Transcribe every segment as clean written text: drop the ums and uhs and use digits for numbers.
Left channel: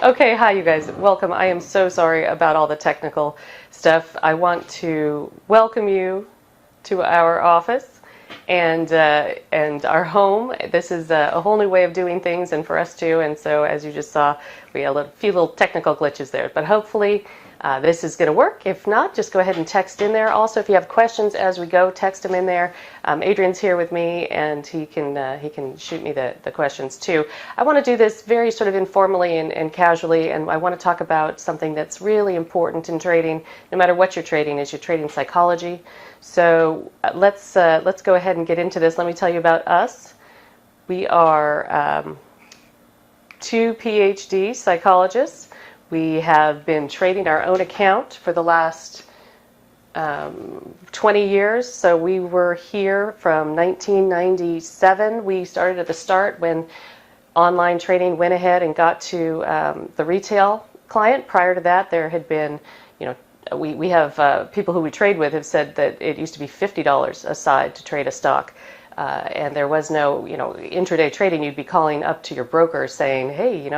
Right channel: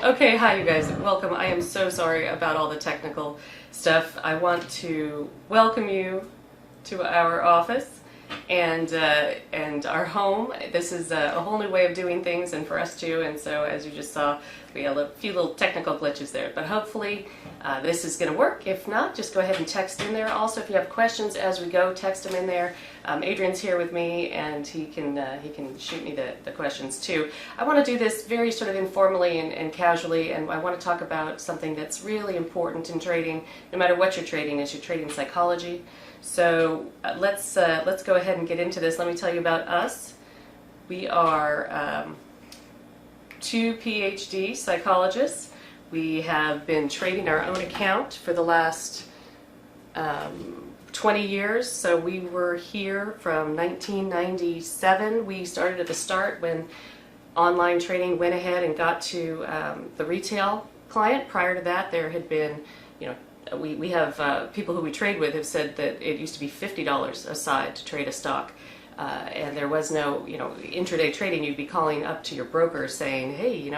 Okay, hi you guys. Welcome. I am so sorry about all the technical stuff. I want to welcome you to our office and our home. This is a whole new way of doing things, and for us too. And so, as you just saw, we had a few little technical glitches there, but hopefully this is going to work. If not, just go ahead and text in there. Also, if you have questions as we go, text them in there. Adrian's here with me, and he can shoot me the questions too. I want to do this very sort of informally and casually, and I want to talk about something that's really important in trading, no matter what you're trading. Is you're trading psychology. So let's go ahead and get into this. Let me tell you about us. We are two Ph.D. psychologists. We have been trading our own account for the last 20 years. So we were here from 1997. We started at the start when online trading went ahead and got to the retail client. Prior to that, there had been, we have people who we trade with have said that it used to be $50 a side to trade a stock. And there was no, intraday trading. You'd be calling up to your broker saying, hey,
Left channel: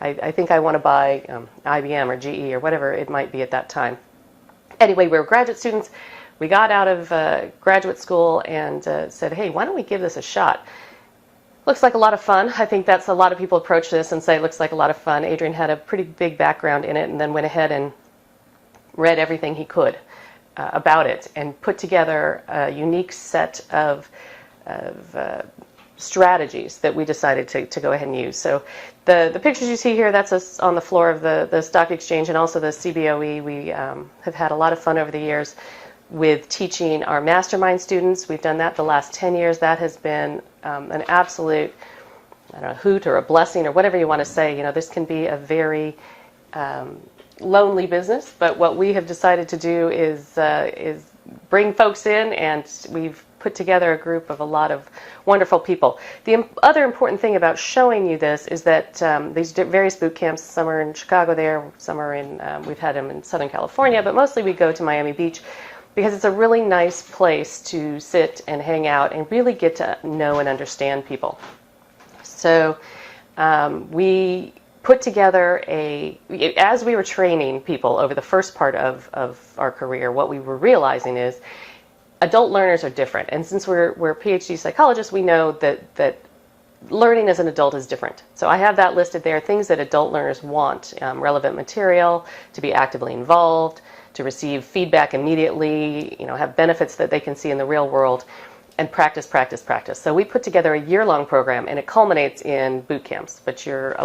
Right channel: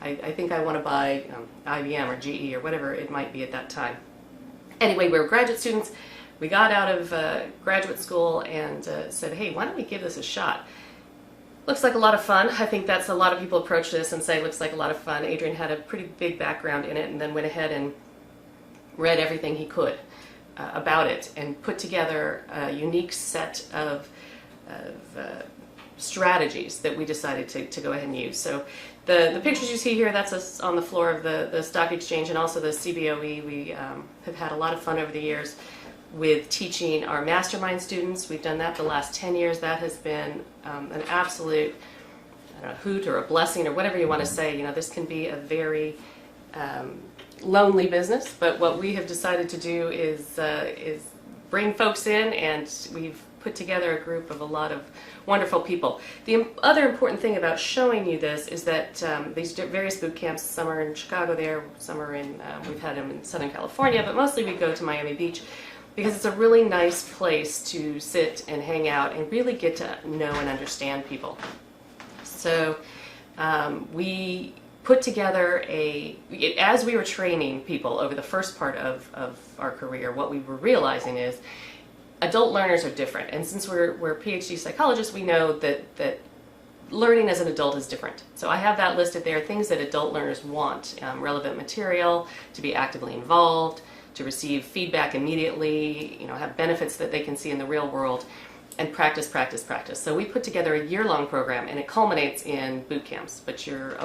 I think I want to buy IBM or GE or whatever it might be at that time. Anyway, we were graduate students. We got out of graduate school and said, hey, why don't we give this a shot? Looks like a lot of fun. I think that's a lot of people approach this and say, looks like a lot of fun. Adrian had a pretty big background in it and then went ahead and read everything he could about it and put together a unique set of strategies that we decided to go ahead and use. So the pictures you see here, that's us on the floor of the stock exchange and also the CBOE. We have had a lot of fun over the years with teaching our mastermind students. We've done that the last 10 years. That has been an absolute hoot or a blessing or whatever you want to say. This can be a very lonely business, but what we have decided to do is bring folks in, and we've put together a group of a lot of wonderful people. The other important thing about showing you this is that these various boot camps, some are in Chicago there, some are in, we've had them in Southern California, but mostly we go to Miami Beach because it's a really nice place to sit and hang out and really get to know and understand people. So we put together as we were training people over the first part of our career, what we were realizing is adult learners are different. And since we're PhD psychologists, we know that learning as an adult is different. So I have that listed there, things that adult learners want: relevant material, to be actively involved, to receive feedback immediately, have benefits that they can see in the real world, and practice, practice, practice. So we put together a year-long program, and it culminates in boot camps, but you're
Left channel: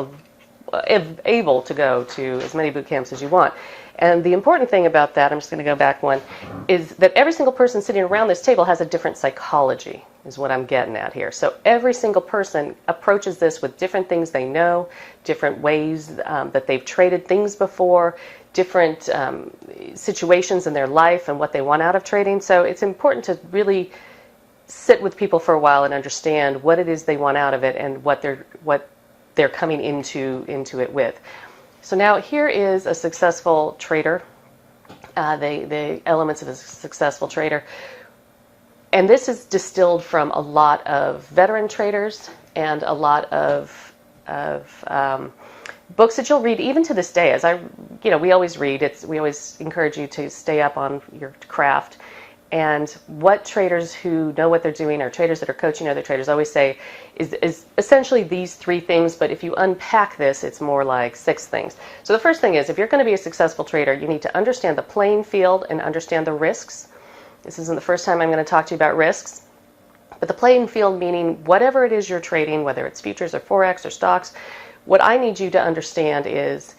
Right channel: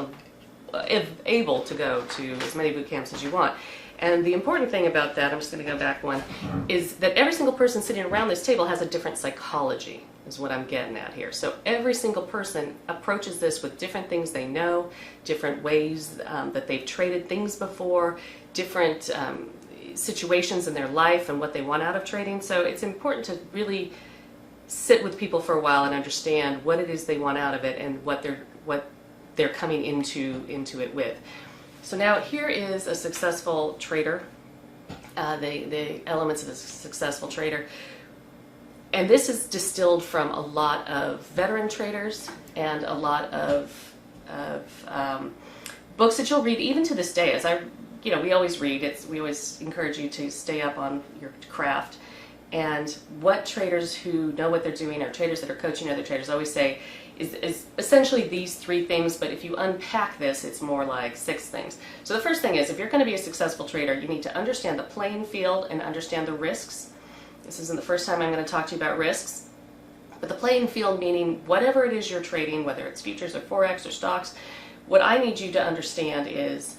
able to go to as many boot camps as you want. And the important thing about that, I'm just going to go back one, is that every single person sitting around this table has a different psychology, is what I'm getting at here. So every single person approaches this with different things they know, different ways that they've traded things before, different situations in their life and what they want out of trading. So it's important to really sit with people for a while and understand what it is they want out of it and what they're coming into it with. So now here is a successful trader, the elements of a successful trader. And this is distilled from a lot of veteran traders and a lot of books that you'll read even to this day. As we always read, we always encourage you to stay up on your craft. And what traders who know what they're doing, or traders that are coaching other traders, always say is essentially these three things, but if you unpack this, it's more like 6 things. So the first thing is, if you're going to be a successful trader, you need to understand the playing field and understand the risks. This isn't the first time I'm going to talk to you about risks, but the playing field meaning whatever it is you're trading, whether it's futures or Forex or stocks, what I need you to understand is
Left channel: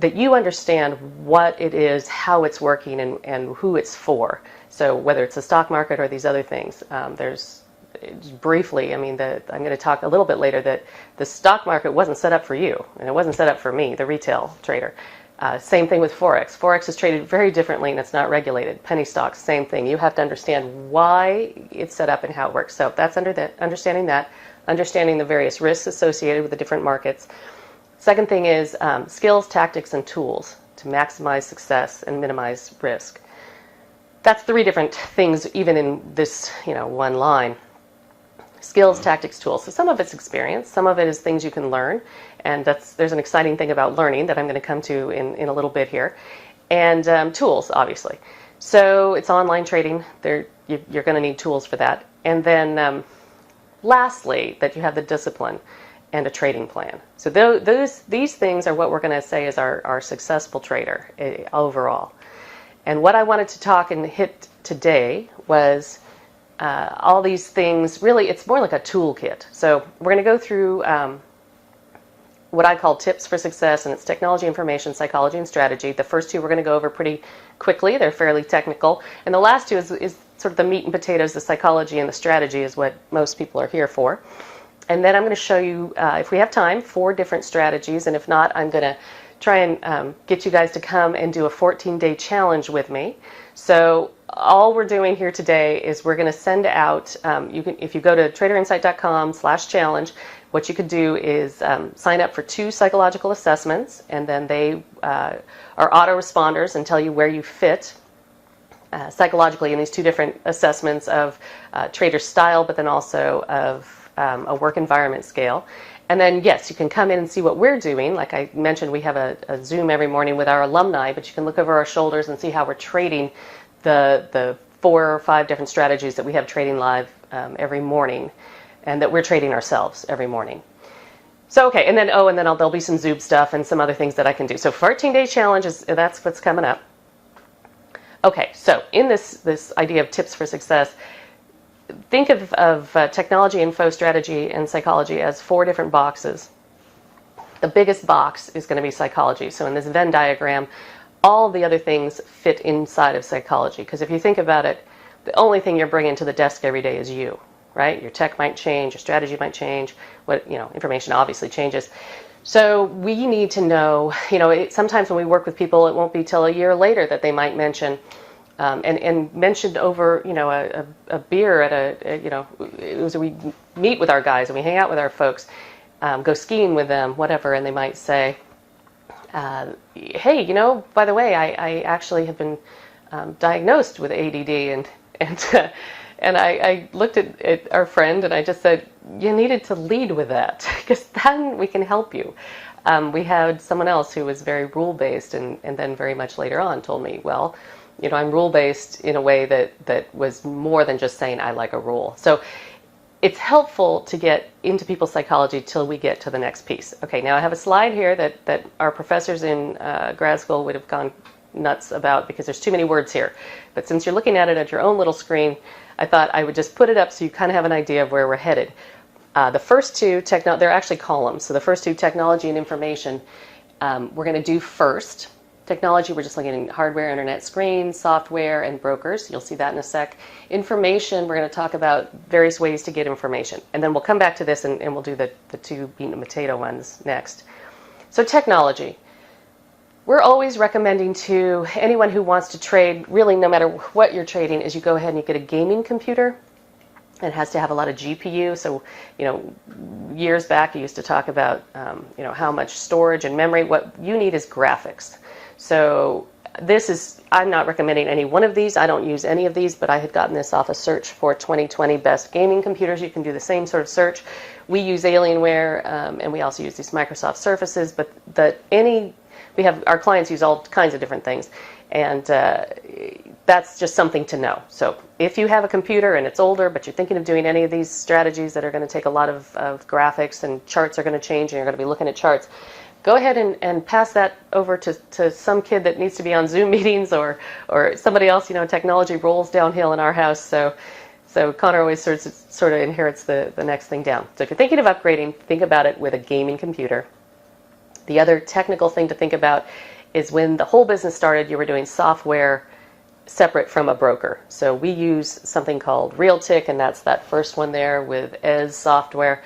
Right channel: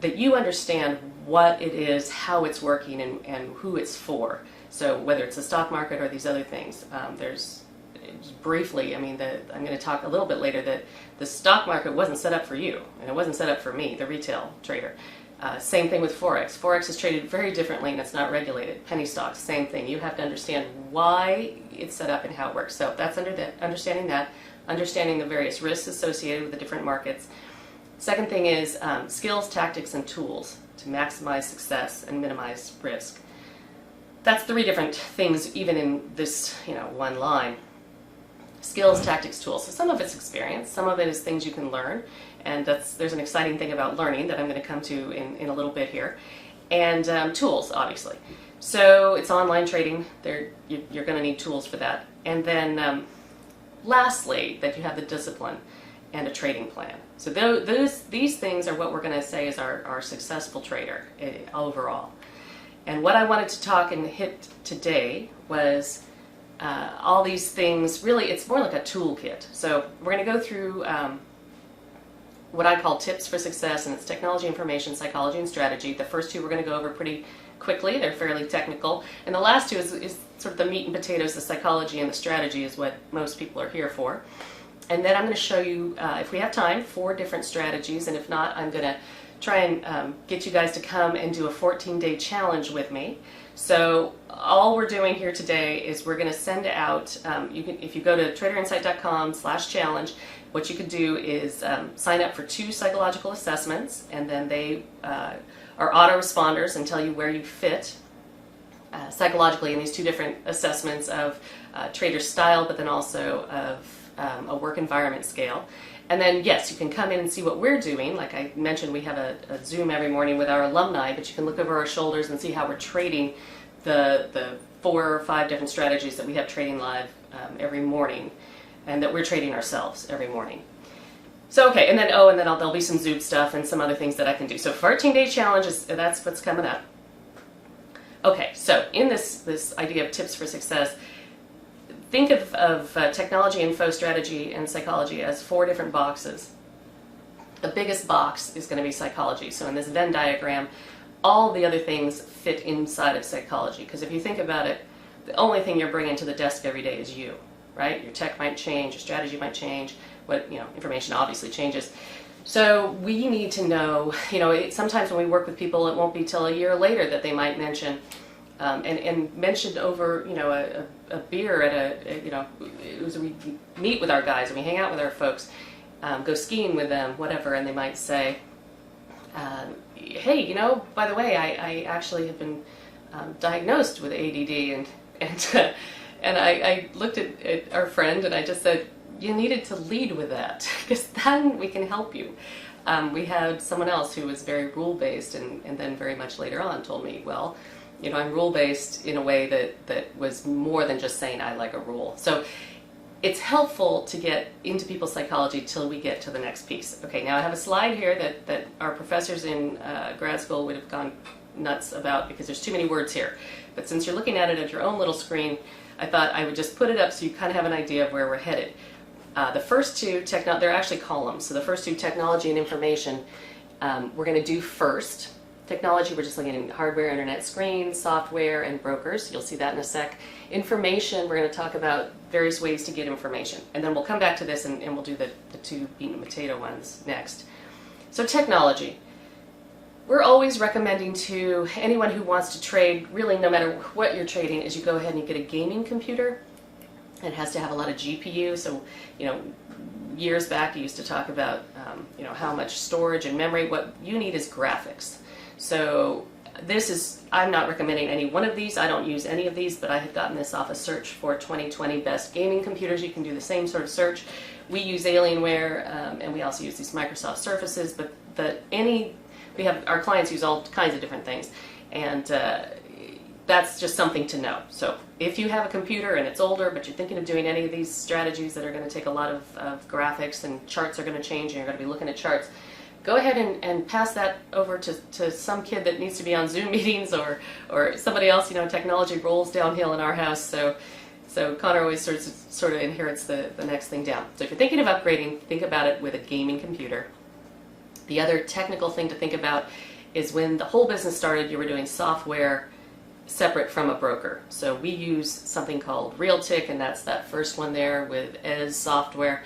that you understand what it is, how it's working, and who it's for. So whether it's the stock market or these other things, briefly, I'm going to talk a little bit later that the stock market wasn't set up for you, and it wasn't set up for me, the retail trader. Same thing with Forex. Forex is traded very differently and it's not regulated. Penny stocks, same thing. You have to understand why it's set up and how it works. So that's understanding the various risks associated with the different markets. Second thing is skills, tactics, and tools to maximize success and minimize risk. That's 3 different things, even in this, one line. Skills, tactics, tools. So some of it's experience, some of it is things you can learn, And there's an exciting thing about learning that I'm going to come to in a little bit here. And tools, obviously. So it's online trading. You're going to need tools for that. And then lastly, that you have the discipline and a trading plan. So these things are what we're going to say is our successful trader overall. And what I wanted to talk and hit today was all these things. Really, it's more like a toolkit. So we're going to go through what I call tips for success, and it's technology, information, psychology, and strategy. The first two we're going to go over pretty quickly. They're fairly technical. And the last two is sort of the meat and potatoes. The psychology and the strategy is what most people are here for. And then I'm going to show you, if we have time, 4 different strategies. And if not, I'm going to try and get you guys to come and do a 14-day challenge with me. So all we're doing here today is we're going to send out, if you go to traderinsight.com/challenge, what you could do is sign up for 2 psychological assessments, and then they are autoresponders and tell you where you fit psychologically in these 2 different assessments of trader style, but then also of a work environment scale. And then, yes, you can come in and see what we're doing. Like I mentioned, we have a Zoom every morning with our alumni, but you can look over our shoulders and see how we're trading the 4 or 5 different strategies that we have trading live every morning, and that we're trading ourselves every morning. So, okay, and then there'll be some Zoom stuff and some other things that I can do. So 14-day challenge, that's what's coming up. Okay, so in this idea of tips for success, think of technology, info, strategy, and psychology as 4 different boxes. The biggest box is going to be psychology. So in this Venn diagram, all the other things fit inside of psychology. Because if you think about it, the only thing you're bringing to the desk every day is you, right? Your tech might change, your strategy might change, information obviously changes. So we need to know, sometimes when we work with people, it won't be till a year later that they might mention, and mentioned over, a beer at we meet with our guys and we hang out with our folks, go skiing with them, whatever, and they might say, hey, by the way, I actually have been diagnosed with ADD, and I looked at our friend and I just said, you needed to lead with that, because then we can help you. We had someone else who was very rule-based and then very much later on told me, well, I'm rule-based in a way that was more than just saying I like a rule. So it's helpful to get into people's psychology till we get to the next piece. Okay, now I have a slide here that our professors in grad school would have gone nuts about because there's too many words here. But since you're looking at it at your own little screen, I thought I would just put it up so you kind of have an idea of where we're headed. The first 2, they're actually columns. So the first 2, technology and information, we're going to do first. Technology, we're just looking at hardware, internet screens, software, and brokers. You'll see that in a sec. Information, we're going to talk about various ways to get information. And then we'll come back to this and we'll do the 2 meat and potato ones next. So technology. We're always recommending to anyone who wants to trade, really no matter what you're trading, is you go ahead and you get a gaming computer. It has to have a lot of GPU. So, years back you used to talk about, how much storage and memory. What you need is graphics. So I'm not recommending any one of these. I don't use any of these, but I had gotten this off a search for 2020 best gaming computers. You can do the same sort of search. We use Alienware, and we also use these Microsoft Surfaces, but our clients use all kinds of different things, and that's just something to know. So if you have a computer and it's older, but you're thinking of doing any of these strategies that are going to take a lot of graphics, and charts are going to change and you're going to be looking at charts, go ahead and pass that over to some kid that needs to be on Zoom meetings or somebody else. Technology rolls downhill in our house, so Connor always sort of inherits the next thing down. So if you're thinking of upgrading, think about it with a gaming computer. The other technical thing to think about is when the whole business started, you were doing software separate from a broker. So we use something called Realtic, and that's that first one there with ES software.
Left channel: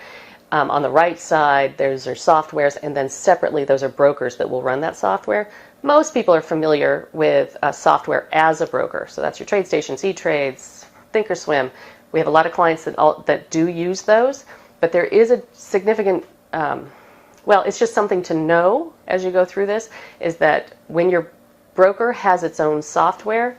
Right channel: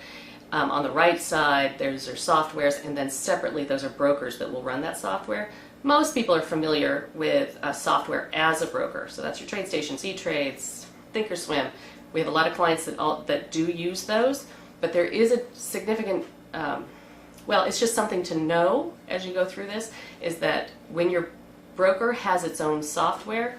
On the right side, those are softwares, and then separately, those are brokers that will run that software. Most people are familiar with software as a broker. So that's your TradeStation, E-Trades, Thinkorswim. We have a lot of clients that do use those, but there is a significant, it's just something to know as you go through this, is that when your broker has its own software,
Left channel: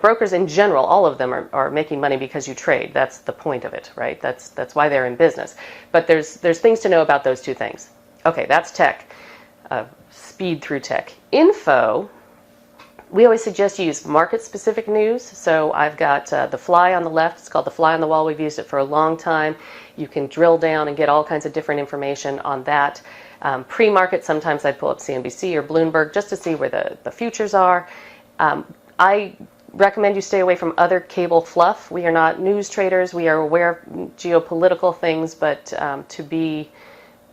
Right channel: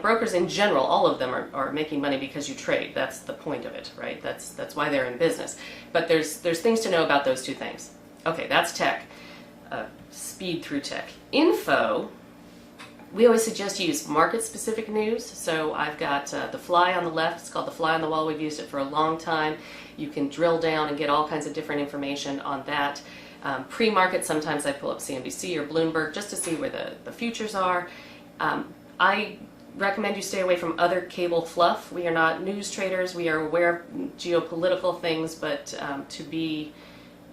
brokers in general, all of them are making money because you trade. That's the point of it, right? That's why they're in business. But there's things to know about those two things. Okay, that's tech. Speed through tech. Info, we always suggest you use market-specific news. So I've got the fly on the left. It's called the fly on the wall. We've used it for a long time. You can drill down and get all kinds of different information on that. Pre-market, sometimes I pull up CNBC or Bloomberg just to see where the futures are. I recommend you stay away from other cable fluff. We are not news traders. We are aware of geopolitical things, but to be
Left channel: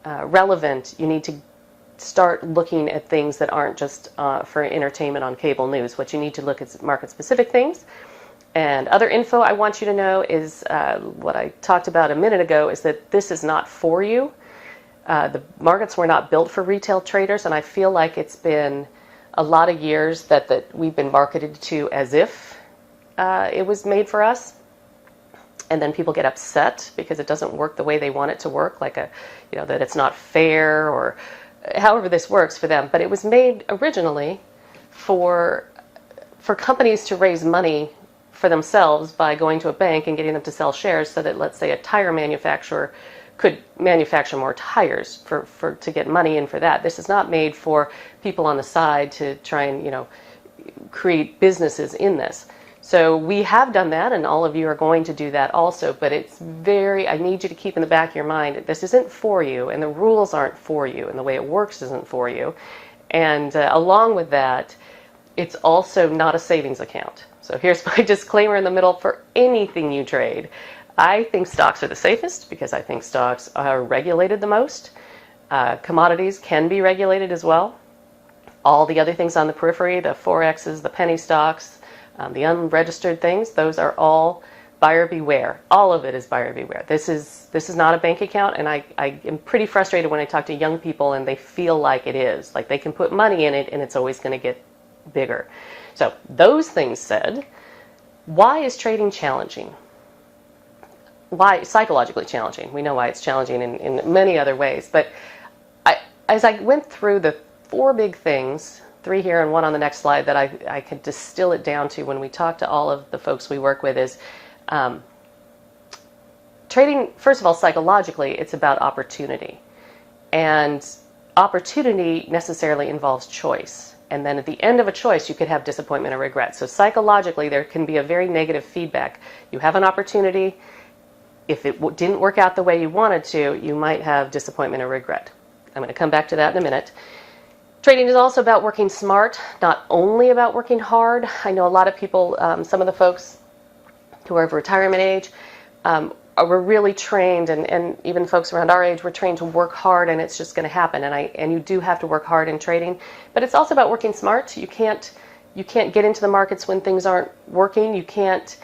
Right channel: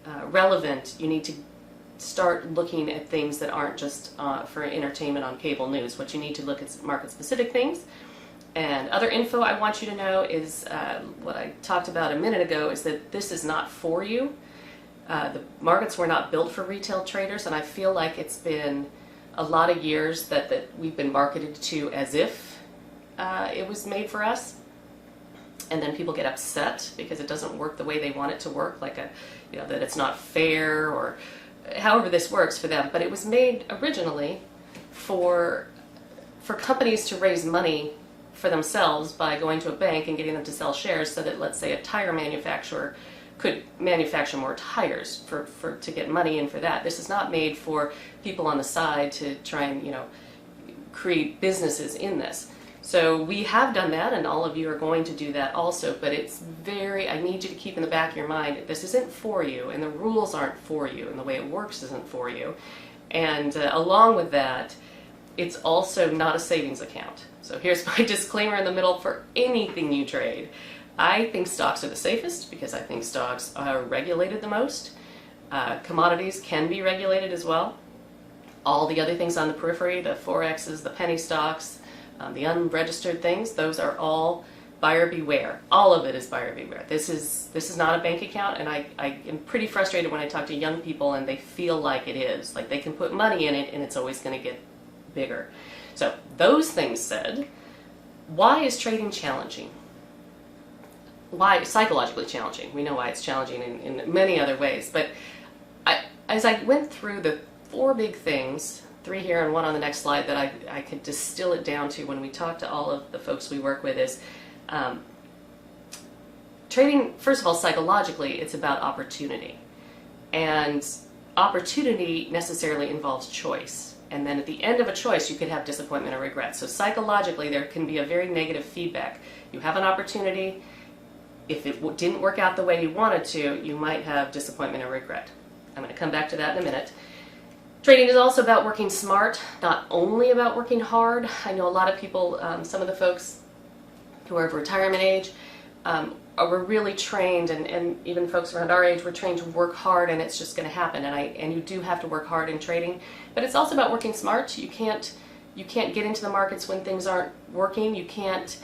relevant, you need to start looking at things that aren't just for entertainment on cable news. What you need to look at market-specific things. And other info I want you to know is what I talked about a minute ago, is that this is not for you. The markets were not built for retail traders, and I feel like it's been a lot of years that we've been marketed to as if it was made for us. And then people get upset because it doesn't work the way they want it to work, like that it's not fair, or however this works for them. But it was made originally for companies to raise money for themselves by going to a bank and getting them to sell shares, so that, let's say, a tire manufacturer could manufacture more tires to get money in for that. This is not made for people on the side to try and create businesses in this. So we have done that, and all of you are going to do that also, but I need you to keep in the back of your mind that this isn't for you, and the rules aren't for you, and the way it works isn't for you. And along with that, it's also not a savings account. So here's my disclaimer in the middle for anything you trade. I think stocks are the safest because I think stocks are regulated the most. Commodities can be regulated as well. All the other things on the periphery, the Forexes, the penny stocks, the unregistered things, those are all buyer beware. All of it is buyer beware. This is not a bank account, and I am pretty frustrated when I talk to young people and they feel like it is. Like they can put money in it and it's always going to get bigger. So those things said, why is trading challenging? Why psychologically challenging? We know why it's challenging in many other ways. But as I went through the 4 big things, 3 here and 1 on the next slide, that I could distill it down to when we talk to all of the folks we work with, is trading, first of all, psychologically, it's about opportunity. And opportunity necessarily involves choice. And then at the end of a choice, you could have disappointment or regret. So psychologically, there can be a very negative feedback. You have an opportunity. If it didn't work out the way you wanted to, you might have disappointment or regret. I'm going to come back to that in a minute. Trading is also about working smart, not only about working hard. I know a lot of people, some of the folks who are of retirement age, were really trained, and even folks around our age were trained to work hard, and it's just going to happen. And you do have to work hard in trading, but it's also about working smart. You can't get into the markets when things aren't working. You can't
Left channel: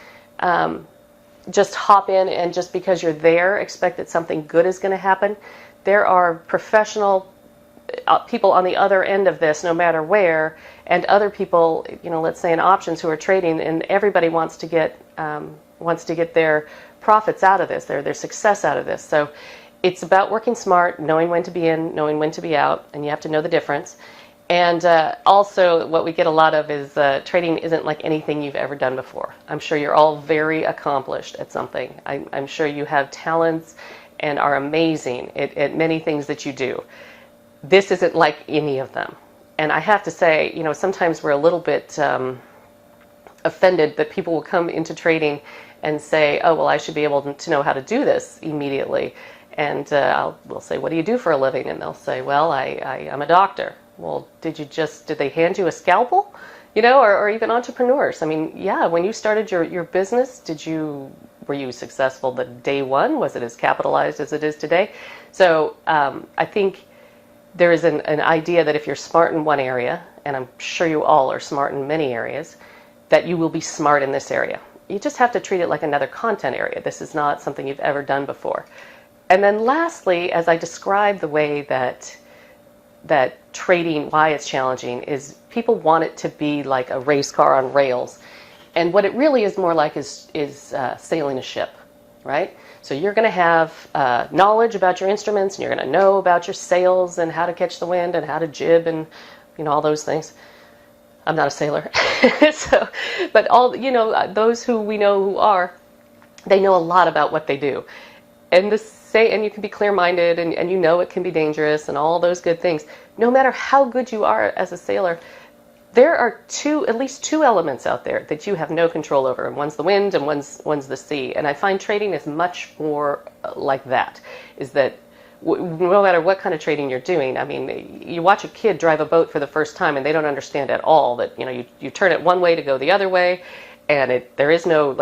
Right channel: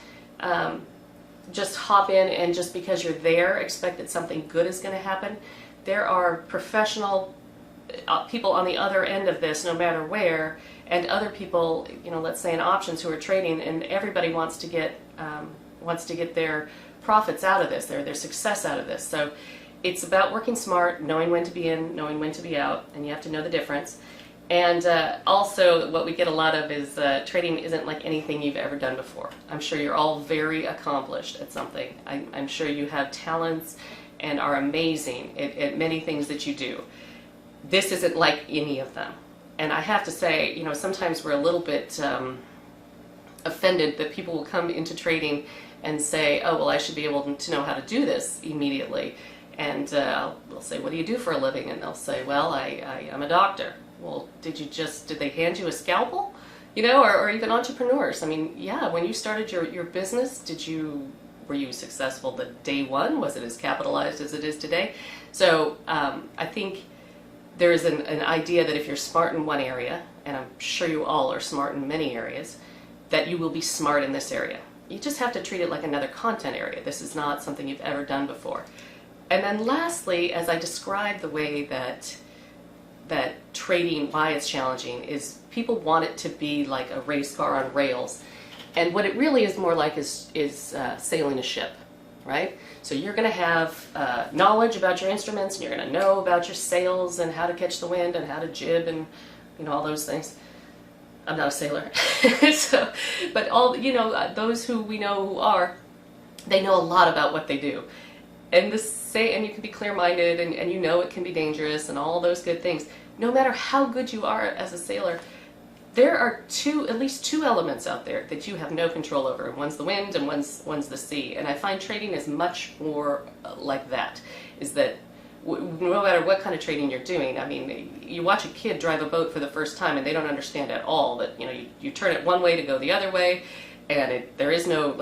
just hop in and just because you're there expect that something good is going to happen. There are professional people on the other end of this, no matter where, and other people, let's say in options, who are trading, and everybody wants to get their profits out of this, their success out of this. So it's about working smart, knowing when to be in, knowing when to be out, and you have to know the difference. And also what we get a lot of is trading isn't like anything you've ever done before. I'm sure you're all very accomplished at something. I'm sure you have talents and are amazing at many things that you do. This isn't like any of them. And I have to say, sometimes we're a little bit offended that people will come into trading and say, oh, well, I should be able to know how to do this immediately. And we'll say, what do you do for a living? And they'll say, well, I'm a doctor. Well, did they hand you a scalpel? Or even entrepreneurs. I mean, yeah, when you started your business, were you successful the day one? Was it as capitalized as it is today? So I think there is an idea that if you're smart in one area, and I'm sure you all are smart in many areas, that you will be smart in this area. You just have to treat it like another content area. This is not something you've ever done before. And then lastly, as I describe the way that trading, why it's challenging, is people want it to be like a race car on rails. And what it really is more like is sailing a ship, right? So you're going to have knowledge about your instruments, and you're going to know about your sails and how to catch the wind and how to jib and all those things. I'm not a sailor. So, but all, those who we know who are, they know a lot about what they do. And you can be clear-minded, and you know it can be dangerous and all those good things. No matter how good you are as a sailor, there are at least two elements out there that you have no control over, and one's the wind and one's the sea. And I find trading is much more like that, is that no matter what kind of trading you're doing, I mean, you watch a kid drive a boat for the first time and they don't understand at all that, you turn it one way to go the other way, and there is no,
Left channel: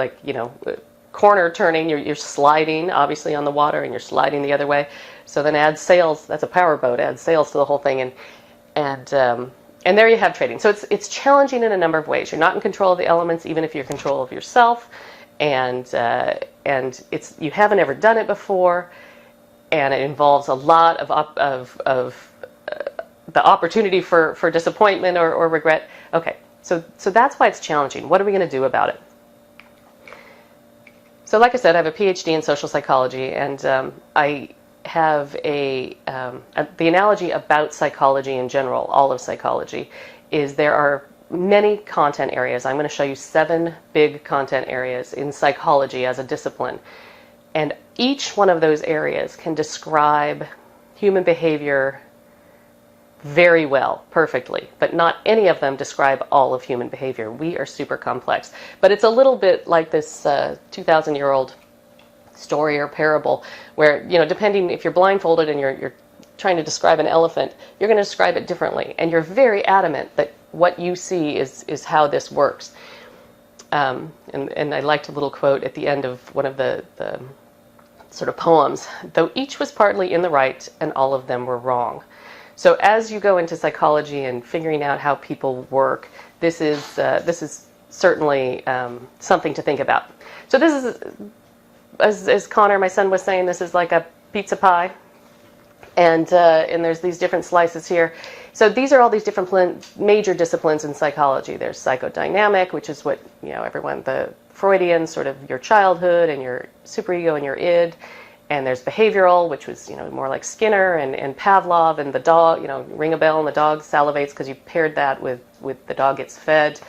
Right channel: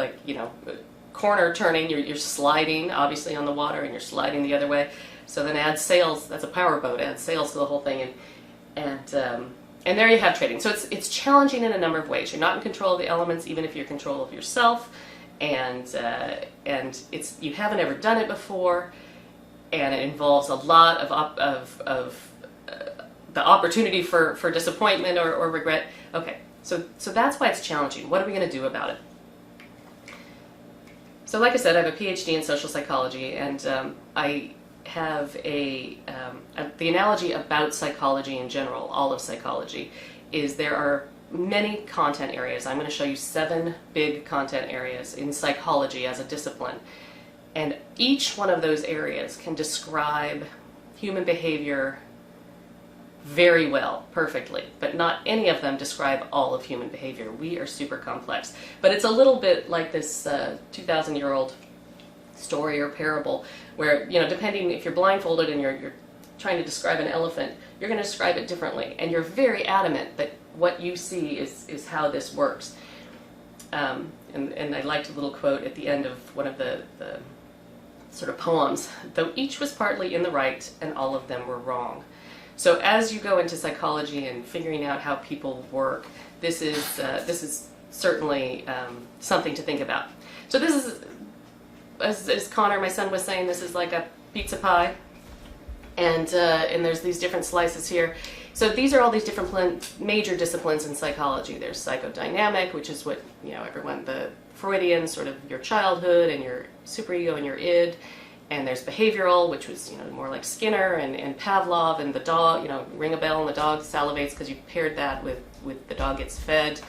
corner turning. You're sliding, obviously, on the water, and you're sliding the other way. So then add sails. That's a power boat. Add sails to the whole thing, and there you have trading. So it's challenging in a number of ways. You're not in control of the elements, even if you're in control of yourself, and you haven't ever done it before, and it involves a lot of the opportunity for disappointment or regret. Okay, so that's why it's challenging. What are we going to do about it? So, like I said, I have a Ph.D. in social psychology, and I have the analogy about psychology in general, all of psychology, is there are many content areas. I'm going to show you 7 big content areas in psychology as a discipline. And each one of those areas can describe human behavior very well, perfectly, but not any of them describe all of human behavior. We are super complex. But it's a little bit like this 2,000-year-old story or parable where, depending if you're blindfolded and you're trying to describe an elephant, you're going to describe it differently. And you're very adamant that what you see is how this works. And I liked a little quote at the end of one of the sort of poems, though each was partly in the right and all of them were wrong. So as you go into psychology and figuring out how people work, this is certainly something to think about. So this is, as Connor, my son, was saying, this is like a pizza pie, and there's these different slices here. So these are all these different major disciplines in psychology. There's psychodynamic, which is what the Freudian, sort of your childhood and your superego and your id. And there's behavioral, which was, more like Skinner and Pavlov and the dog, ring a bell and the dog salivates because you paired that with the dog gets fed.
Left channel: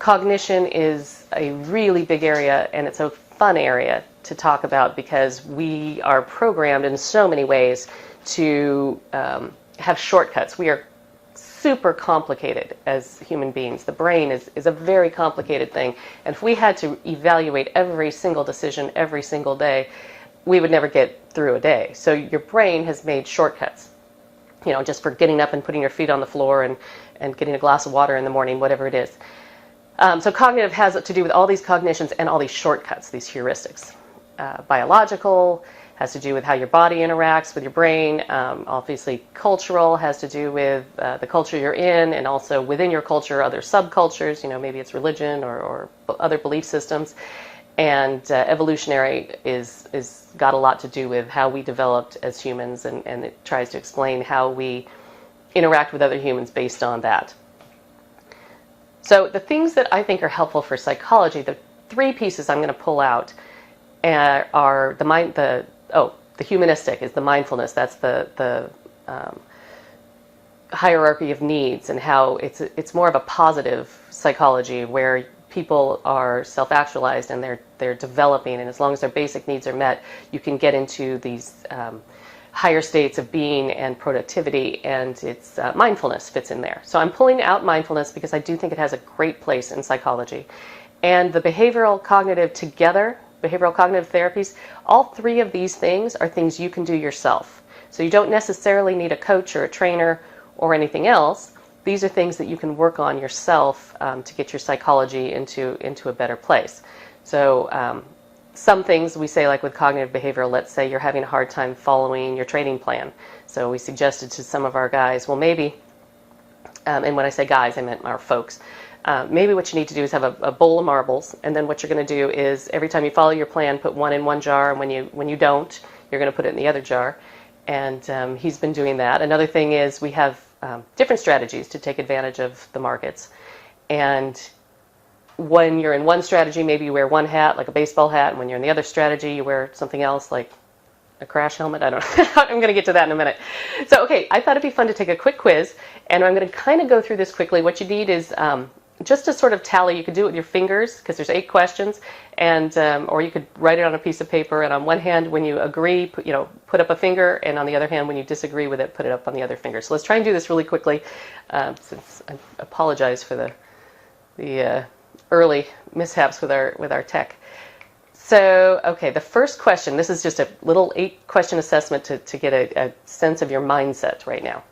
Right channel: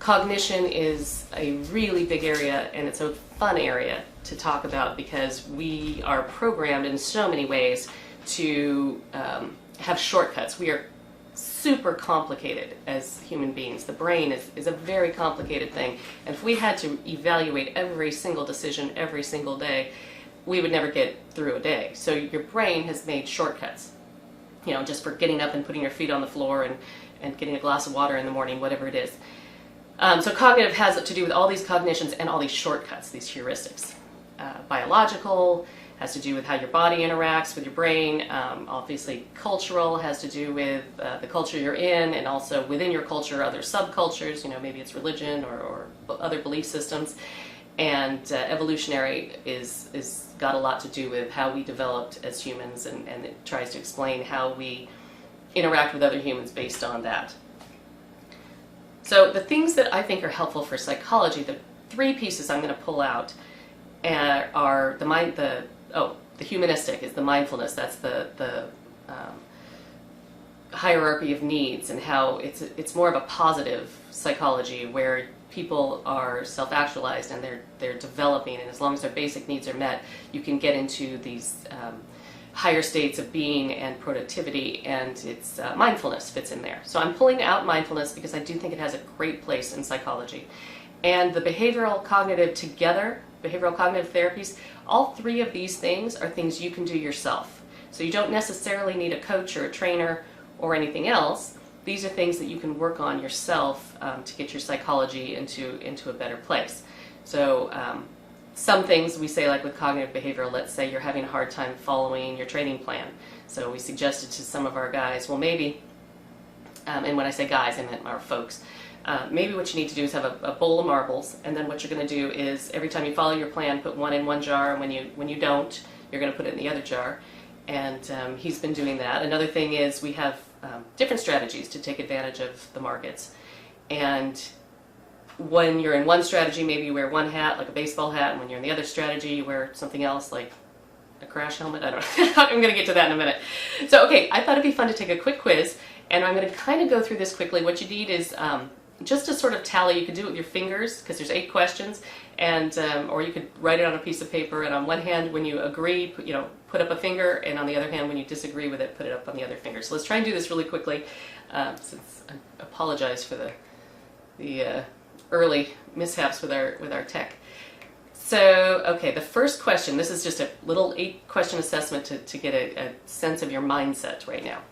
Cognition is a really big area, and it's a fun area to talk about because we are programmed in so many ways to have shortcuts. We are super complicated as human beings. The brain is a very complicated thing. And if we had to evaluate every single decision every single day, we would never get through a day. So your brain has made shortcuts, just for getting up and putting your feet on the floor and getting a glass of water in the morning, whatever it is. So cognitive has to do with all these cognitions and all these shortcuts, these heuristics. Biological has to do with how your body interacts with your brain. Obviously, cultural has to do with the culture you're in, and also within your culture, other subcultures. Maybe it's religion or other belief systems. And evolutionary is got a lot to do with how we developed as humans, and it tries to explain how we interact with other humans based on that. So the things that I think are helpful for psychology, the 3 pieces I'm going to pull out are the humanistic is the mindfulness. That's the hierarchy of needs, and how it's more of a positive psychology where people are self-actualized and they're developing, and as long as their basic needs are met, you can get into these higher states of being and productivity, and it's mindfulness fits in there. So I'm pulling out mindfulness because I do think it has a great place in psychology. And the behavioral cognitive together, behavioral cognitive therapies, all 3 of these things are things you can do yourself. So you don't necessarily need a coach or a trainer or anything else. These are things that you can work on yourself to get your psychology into a better place. So some things we say, like with cognitive behavioral, let's say you're having a hard time following your training plan. So we suggested to some of our guys, well, maybe, and when I say guys, I meant our folks, maybe what you need to do is have a bowl of marbles, and then what you're going to do is every time you follow your plan, put one in one jar, and when you don't, you're going to put it in the other jar. And he's been doing that. Another thing is we have different strategies to take advantage of the markets. And when you're in one strategy, maybe you wear one hat, like a baseball hat, and when you're in the other strategy, you wear something else, like a crash helmet. I don't know. I'm going to get to that in a minute. So, okay, I thought it'd be fun to take a quick quiz, and I'm going to kind of go through this quickly. What you need is just to sort of tally. You could do it with your fingers because there's 8 questions, and or you could write it on a piece of paper. And on one hand, when you agree, put up a finger, and on the other hand, when you disagree with it, put it up on the other finger. So let's try and do this really quickly. Since I apologize for the early mishaps with our tech. So, okay, the first question, this is just a little 8-question assessment to get a sense of your mindset right now.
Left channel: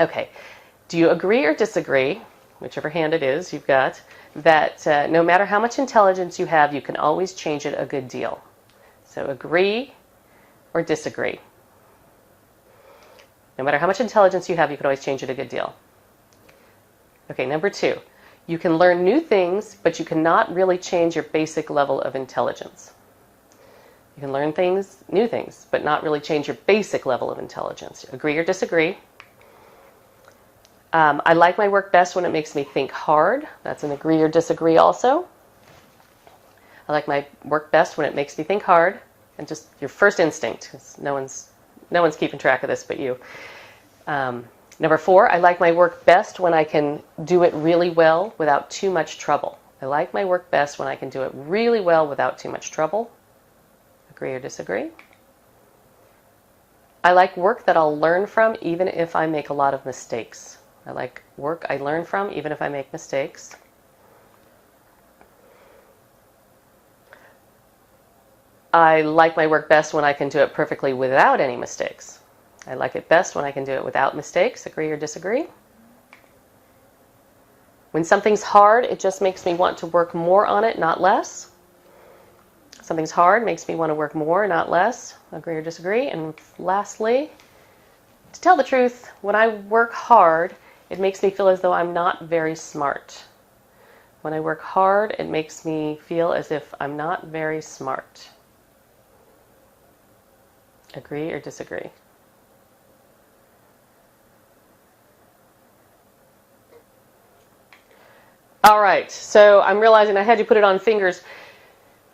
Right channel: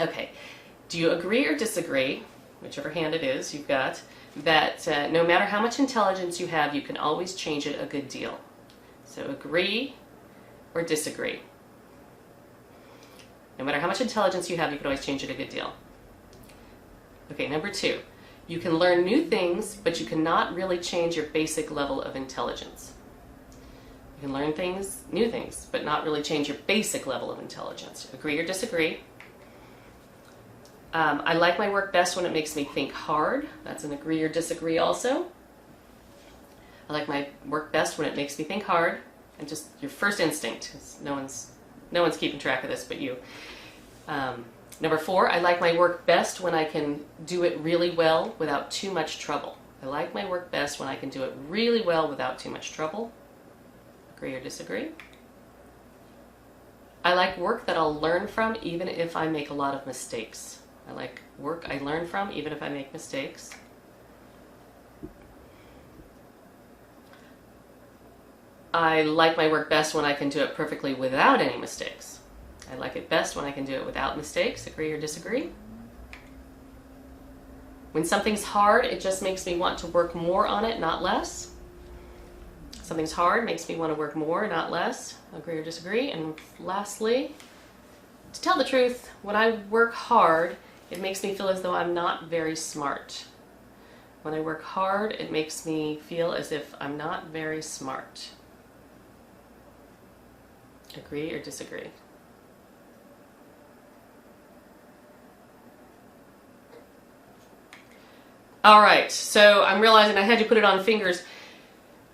Okay, do you agree or disagree, whichever hand it is you've got, that no matter how much intelligence you have, you can always change it a good deal? So agree or disagree. No matter how much intelligence you have, you can always change it a good deal. Okay, number 2. You can learn new things, but you cannot really change your basic level of intelligence. You can learn new things, but not really change your basic level of intelligence. Agree or disagree? I like my work best when it makes me think hard. That's an agree or disagree also. I like my work best when it makes me think hard. And just your first instinct, because no one's keeping track of this but you. Number 4, I like my work best when I can do it really well without too much trouble. I like my work best when I can do it really well without too much trouble. Agree or disagree? I like work that I'll learn from even if I make a lot of mistakes. I like work I learn from even if I make mistakes. I like my work best when I can do it perfectly without any mistakes. I like it best when I can do it without mistakes. Agree or disagree? When something's hard, it just makes me want to work more on it, not less. Something's hard makes me want to work more, not less. Agree or disagree? And lastly, to tell the truth, when I work hard, it makes me feel as though I'm not very smart. When I work hard, it makes me feel as if I'm not very smart. Agree or disagree? All right, so I'm realizing I had you put it on fingers.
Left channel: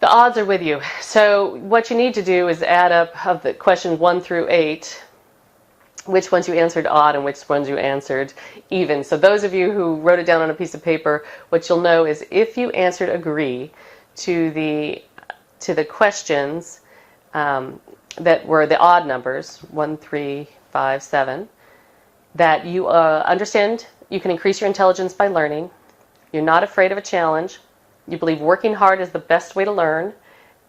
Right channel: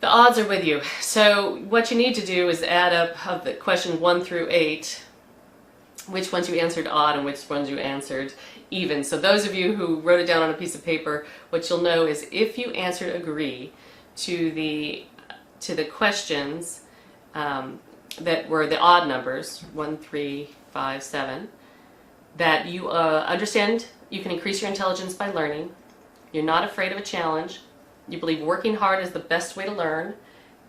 The odds are with you. So what you need to do is add up of the questions 1 through 8, which ones you answered odd and which ones you answered even. So those of you who wrote it down on a piece of paper, what you'll know is if you answered agree to the questions that were the odd numbers, 1, 3, 5, 7, that you understand you can increase your intelligence by learning. You're not afraid of a challenge. You believe working hard is the best way to learn,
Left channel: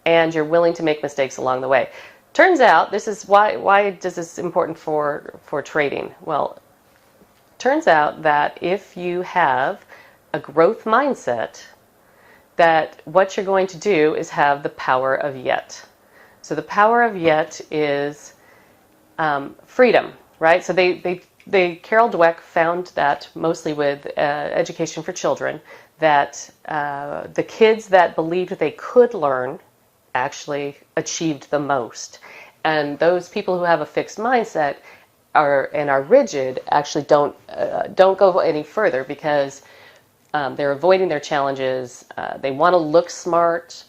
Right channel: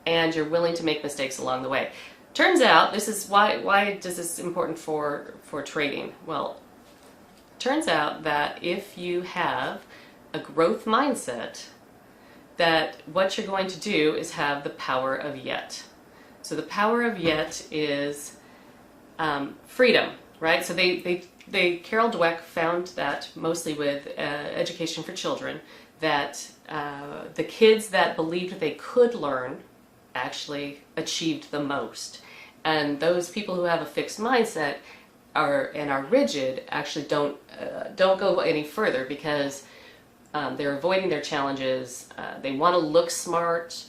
and you're willing to make mistakes along the way. Turns out, this is why is this important for trading? Well, turns out that if you have a growth mindset, that what you're going to do is have the power of yet. So the power of yet is freedom, right? So Carol Dweck found that mostly with education for children, that the kids that believed they could learn actually achieved the most. And those people who have a fixed mindset are rigid actually don't go any further because they're avoiding their challenges. They want to look smart.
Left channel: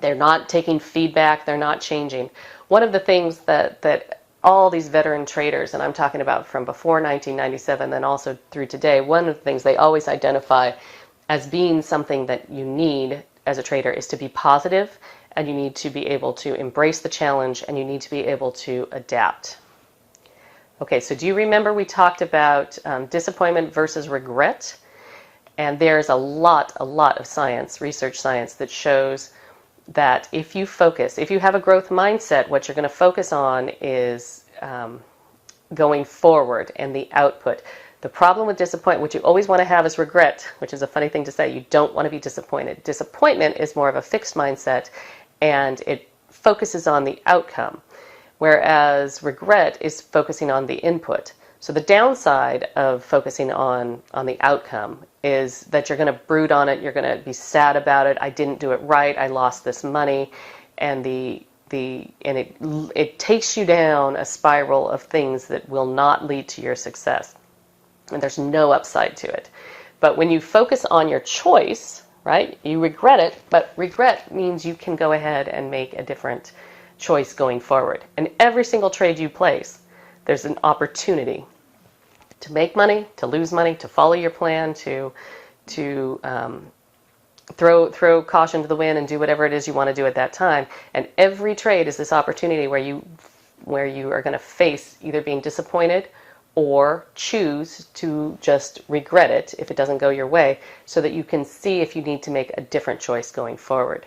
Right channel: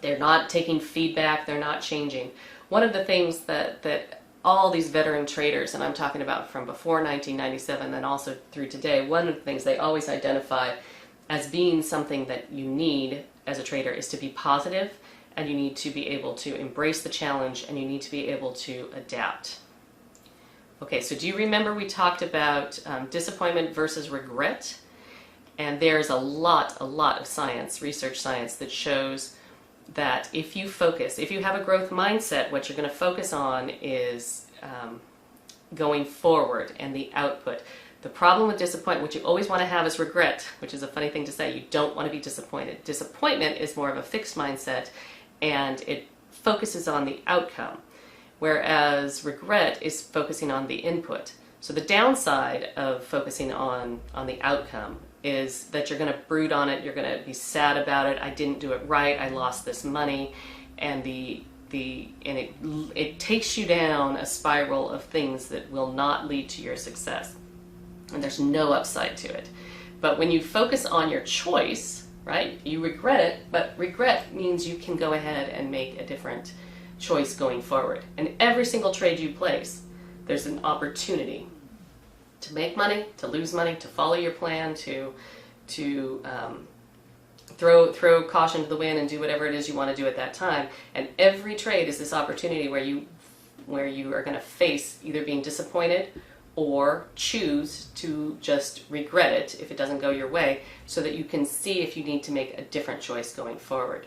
They're not taking feedback. They're not changing. One of the things that all these veteran traders, and I'm talking about from before 1997 and also through today, one of the things they always identify as being something that you need as a trader is to be positive, and you need to be able to embrace the challenge, and you need to be able to adapt. Okay, so do you remember we talked about disappointment versus regret? And there's a lot of science, research science, that shows that if you have a growth mindset, what you're going to focus on is going forward and the output. The problem with disappointment, what you always want to have is regret, which is a funny thing to say. You don't want to be disappointed. Disappointment is more of a fixed mindset, and it focuses on the outcome, whereas regret is focusing on the input. So the downside of focusing on the outcome is that you're going to brood on it, you're going to be sad about it, I didn't do it right, I lost this money, and it takes you down a spiral of things that will not lead to your success. And there's no upside to it. But when you focus on your choice, right, you regret it, but regret means you can go ahead and make a different choice going forward. And every single trade you place, there's an opportunity to make money, to lose money, to follow your plan, to throw caution to the wind and do whatever it is you want to do at that time. And every trade is this opportunity where you are going to face either being disappointed or choose to just regret it if it doesn't go your way, so that you can see if you need to make a different choice going forward.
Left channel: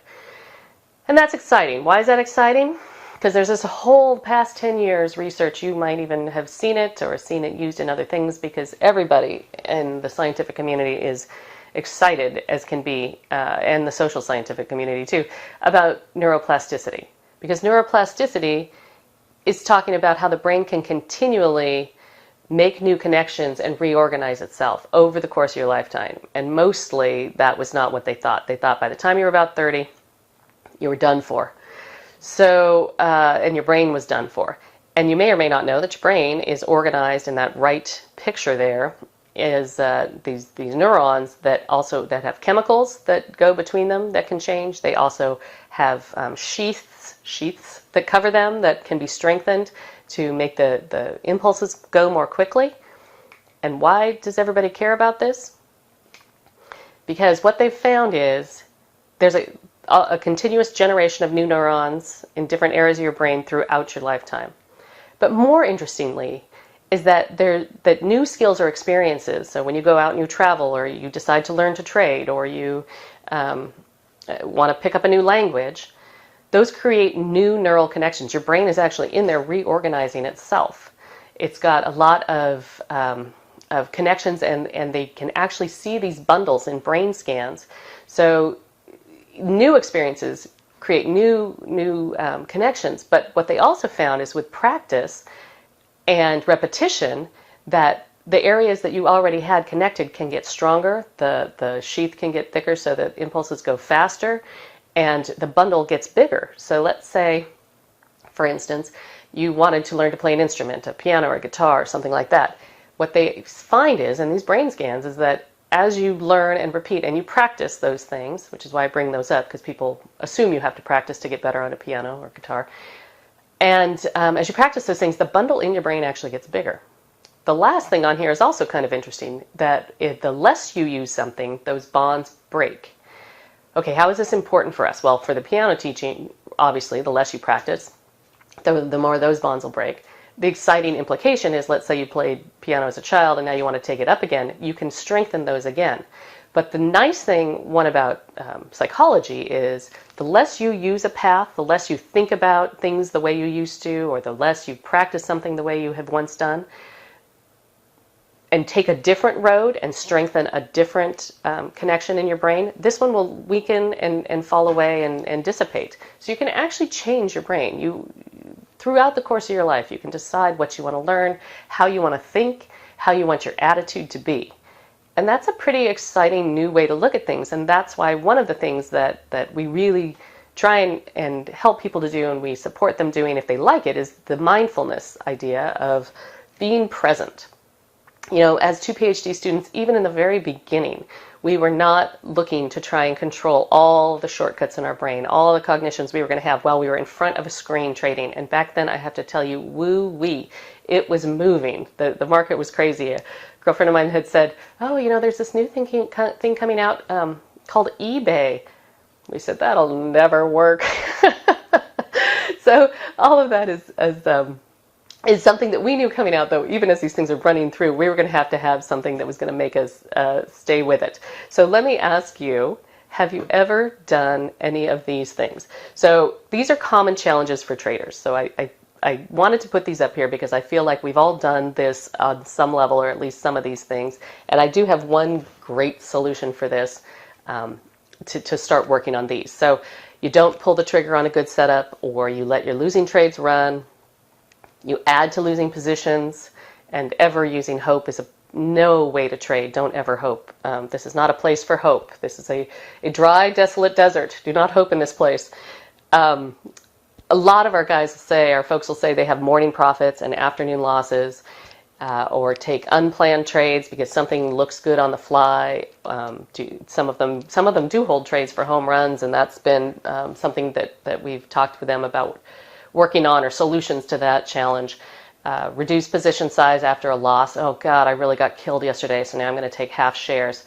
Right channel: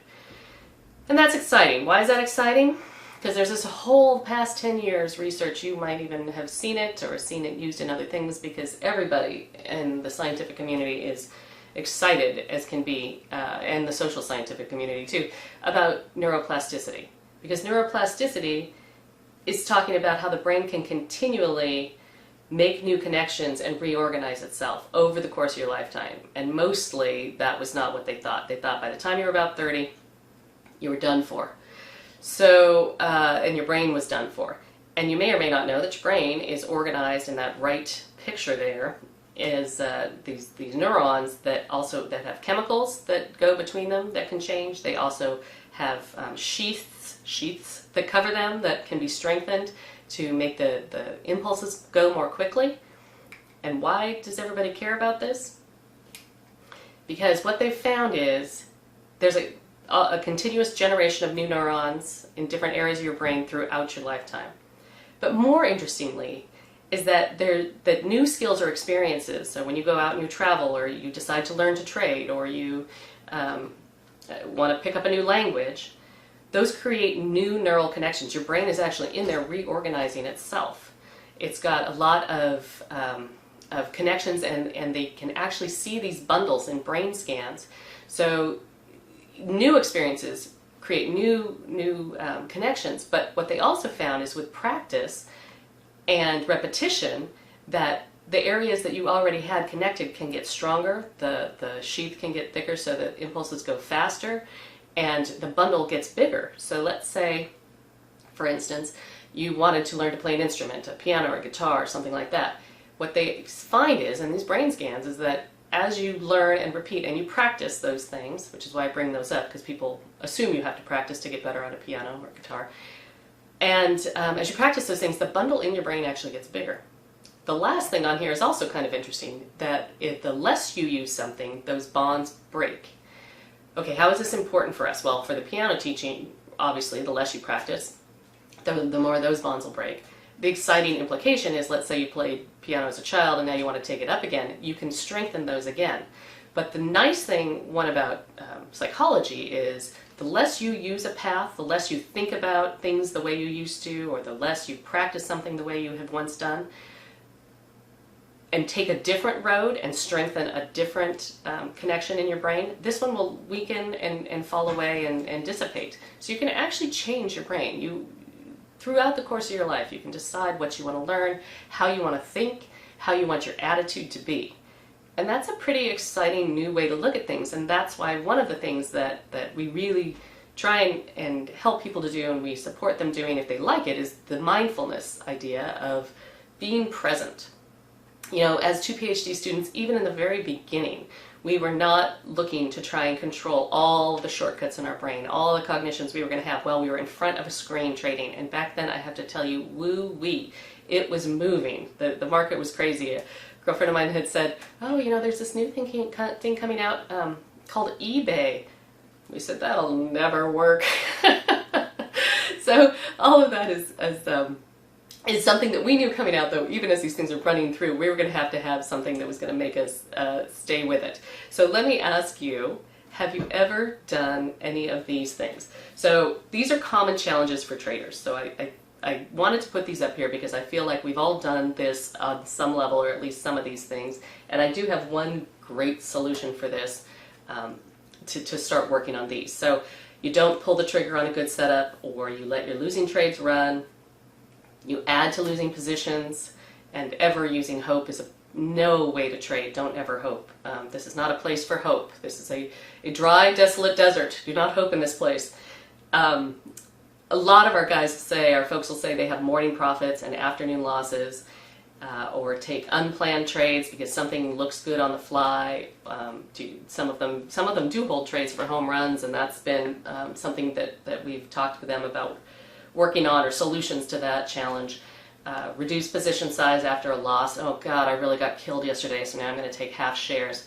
And that's exciting. Why is that exciting? Because there's this whole past 10 years research, you might even have seen it or seen it used in other things, because everybody in the scientific community is excited as can be, and the social scientific community too, about neuroplasticity. Because neuroplasticity is talking about how the brain can continually make new connections and reorganize itself over the course of your lifetime. And mostly that was not what they thought. They thought by the time you were about 30, you were done for. So, and your brain was done for. And you may or may not know that your brain is organized in that right picture there is these neurons that have chemicals that go between them that can change. They also have sheaths that cover them that can be strengthened to make the impulses go more quickly. And why does everybody care about this? Because what they've found is there's a continuous generation of new neurons in different areas of your brain throughout your lifetime. But more interestingly is that new skills or experiences, so when you go out and you travel, or you decide to learn to trade, or you want to pick up a new language, those create new neural connections. Your brain is actually in there reorganizing itself. It's got a lot of connections, and they can actually see these bundles in brain scans. So new experiences create new connections. But what they also found is with practice and repetition, that the areas that you already had connected can get stronger, the sheath can get thicker so that impulses go faster, and the bundle gets bigger. So let's say, for instance, you wanted to learn to play an instrument, a piano or a guitar or something like that. What they find is, in these brain scans, is that as you learn and repeat and you practice those things, which is why I bring those up, because people assume you have to practice to get better on a piano or guitar, and as you practice those things, the bundle in your brain actually gets bigger. The last thing on here is also kind of interesting, that the less you use something, those bonds break. Okay, how is this important for us? Well, for the piano teaching, obviously, the less you practice, the more those bonds will break. The exciting implication is, let's say you played piano as a child and now you want to take it up again, you can strengthen those again. But the nice one about psychology is the less you use a path, the less you think about things the way you used to, or the less you practice something the way you have once done, and take a different road and strengthen a different connection in your brain, this one will weaken and fall away and dissipate. So you can actually change your brain. Throughout the course of your life, you can decide what you want to learn, how you want to think, how you want your attitude to be. And that's a pretty exciting new way to look at things. And that's why one of the things that we really try and help people to do, and we support them doing if they like it, is the mindfulness idea of being present. You know, as two PhD students, even in the very beginning, we were not looking to try and control all the shortcuts in our brain, all the cognitions we were going to have while we were in front of a screen trading. And back then, I have to tell you, woo-wee, it was moving. The market was crazy. A girlfriend of mine had said, oh, you know, there's this new thing coming out called eBay. We said, that'll never work. So all of that is something that we knew coming out, though, even as these things are running through, we were going to have something that was going to make us stay with it. So let me ask you, have you ever done any of these things? So these are common challenges for traders. So I wanted to put these up here because I feel like we've all done this on some level, or at least some of these things. And I do have one great solution for this, to start working on these. So you don't pull the trigger on a good setup, or you let your losing trades run. You add to losing positions, and ever using hope is no way to trade. Don't ever hope. This is not a place for hope. This is a dry, desolate desert. Do not hope in this place. A lot of our folks will say they have morning profits and afternoon losses, or take unplanned trades because something looks good on the fly. Some of them do hold trades for home runs, and that's been something that we've talked with them about working on or solutions to that challenge. Reduce position size after a loss. Oh God, I really got killed yesterday, so now I'm going to take half shares.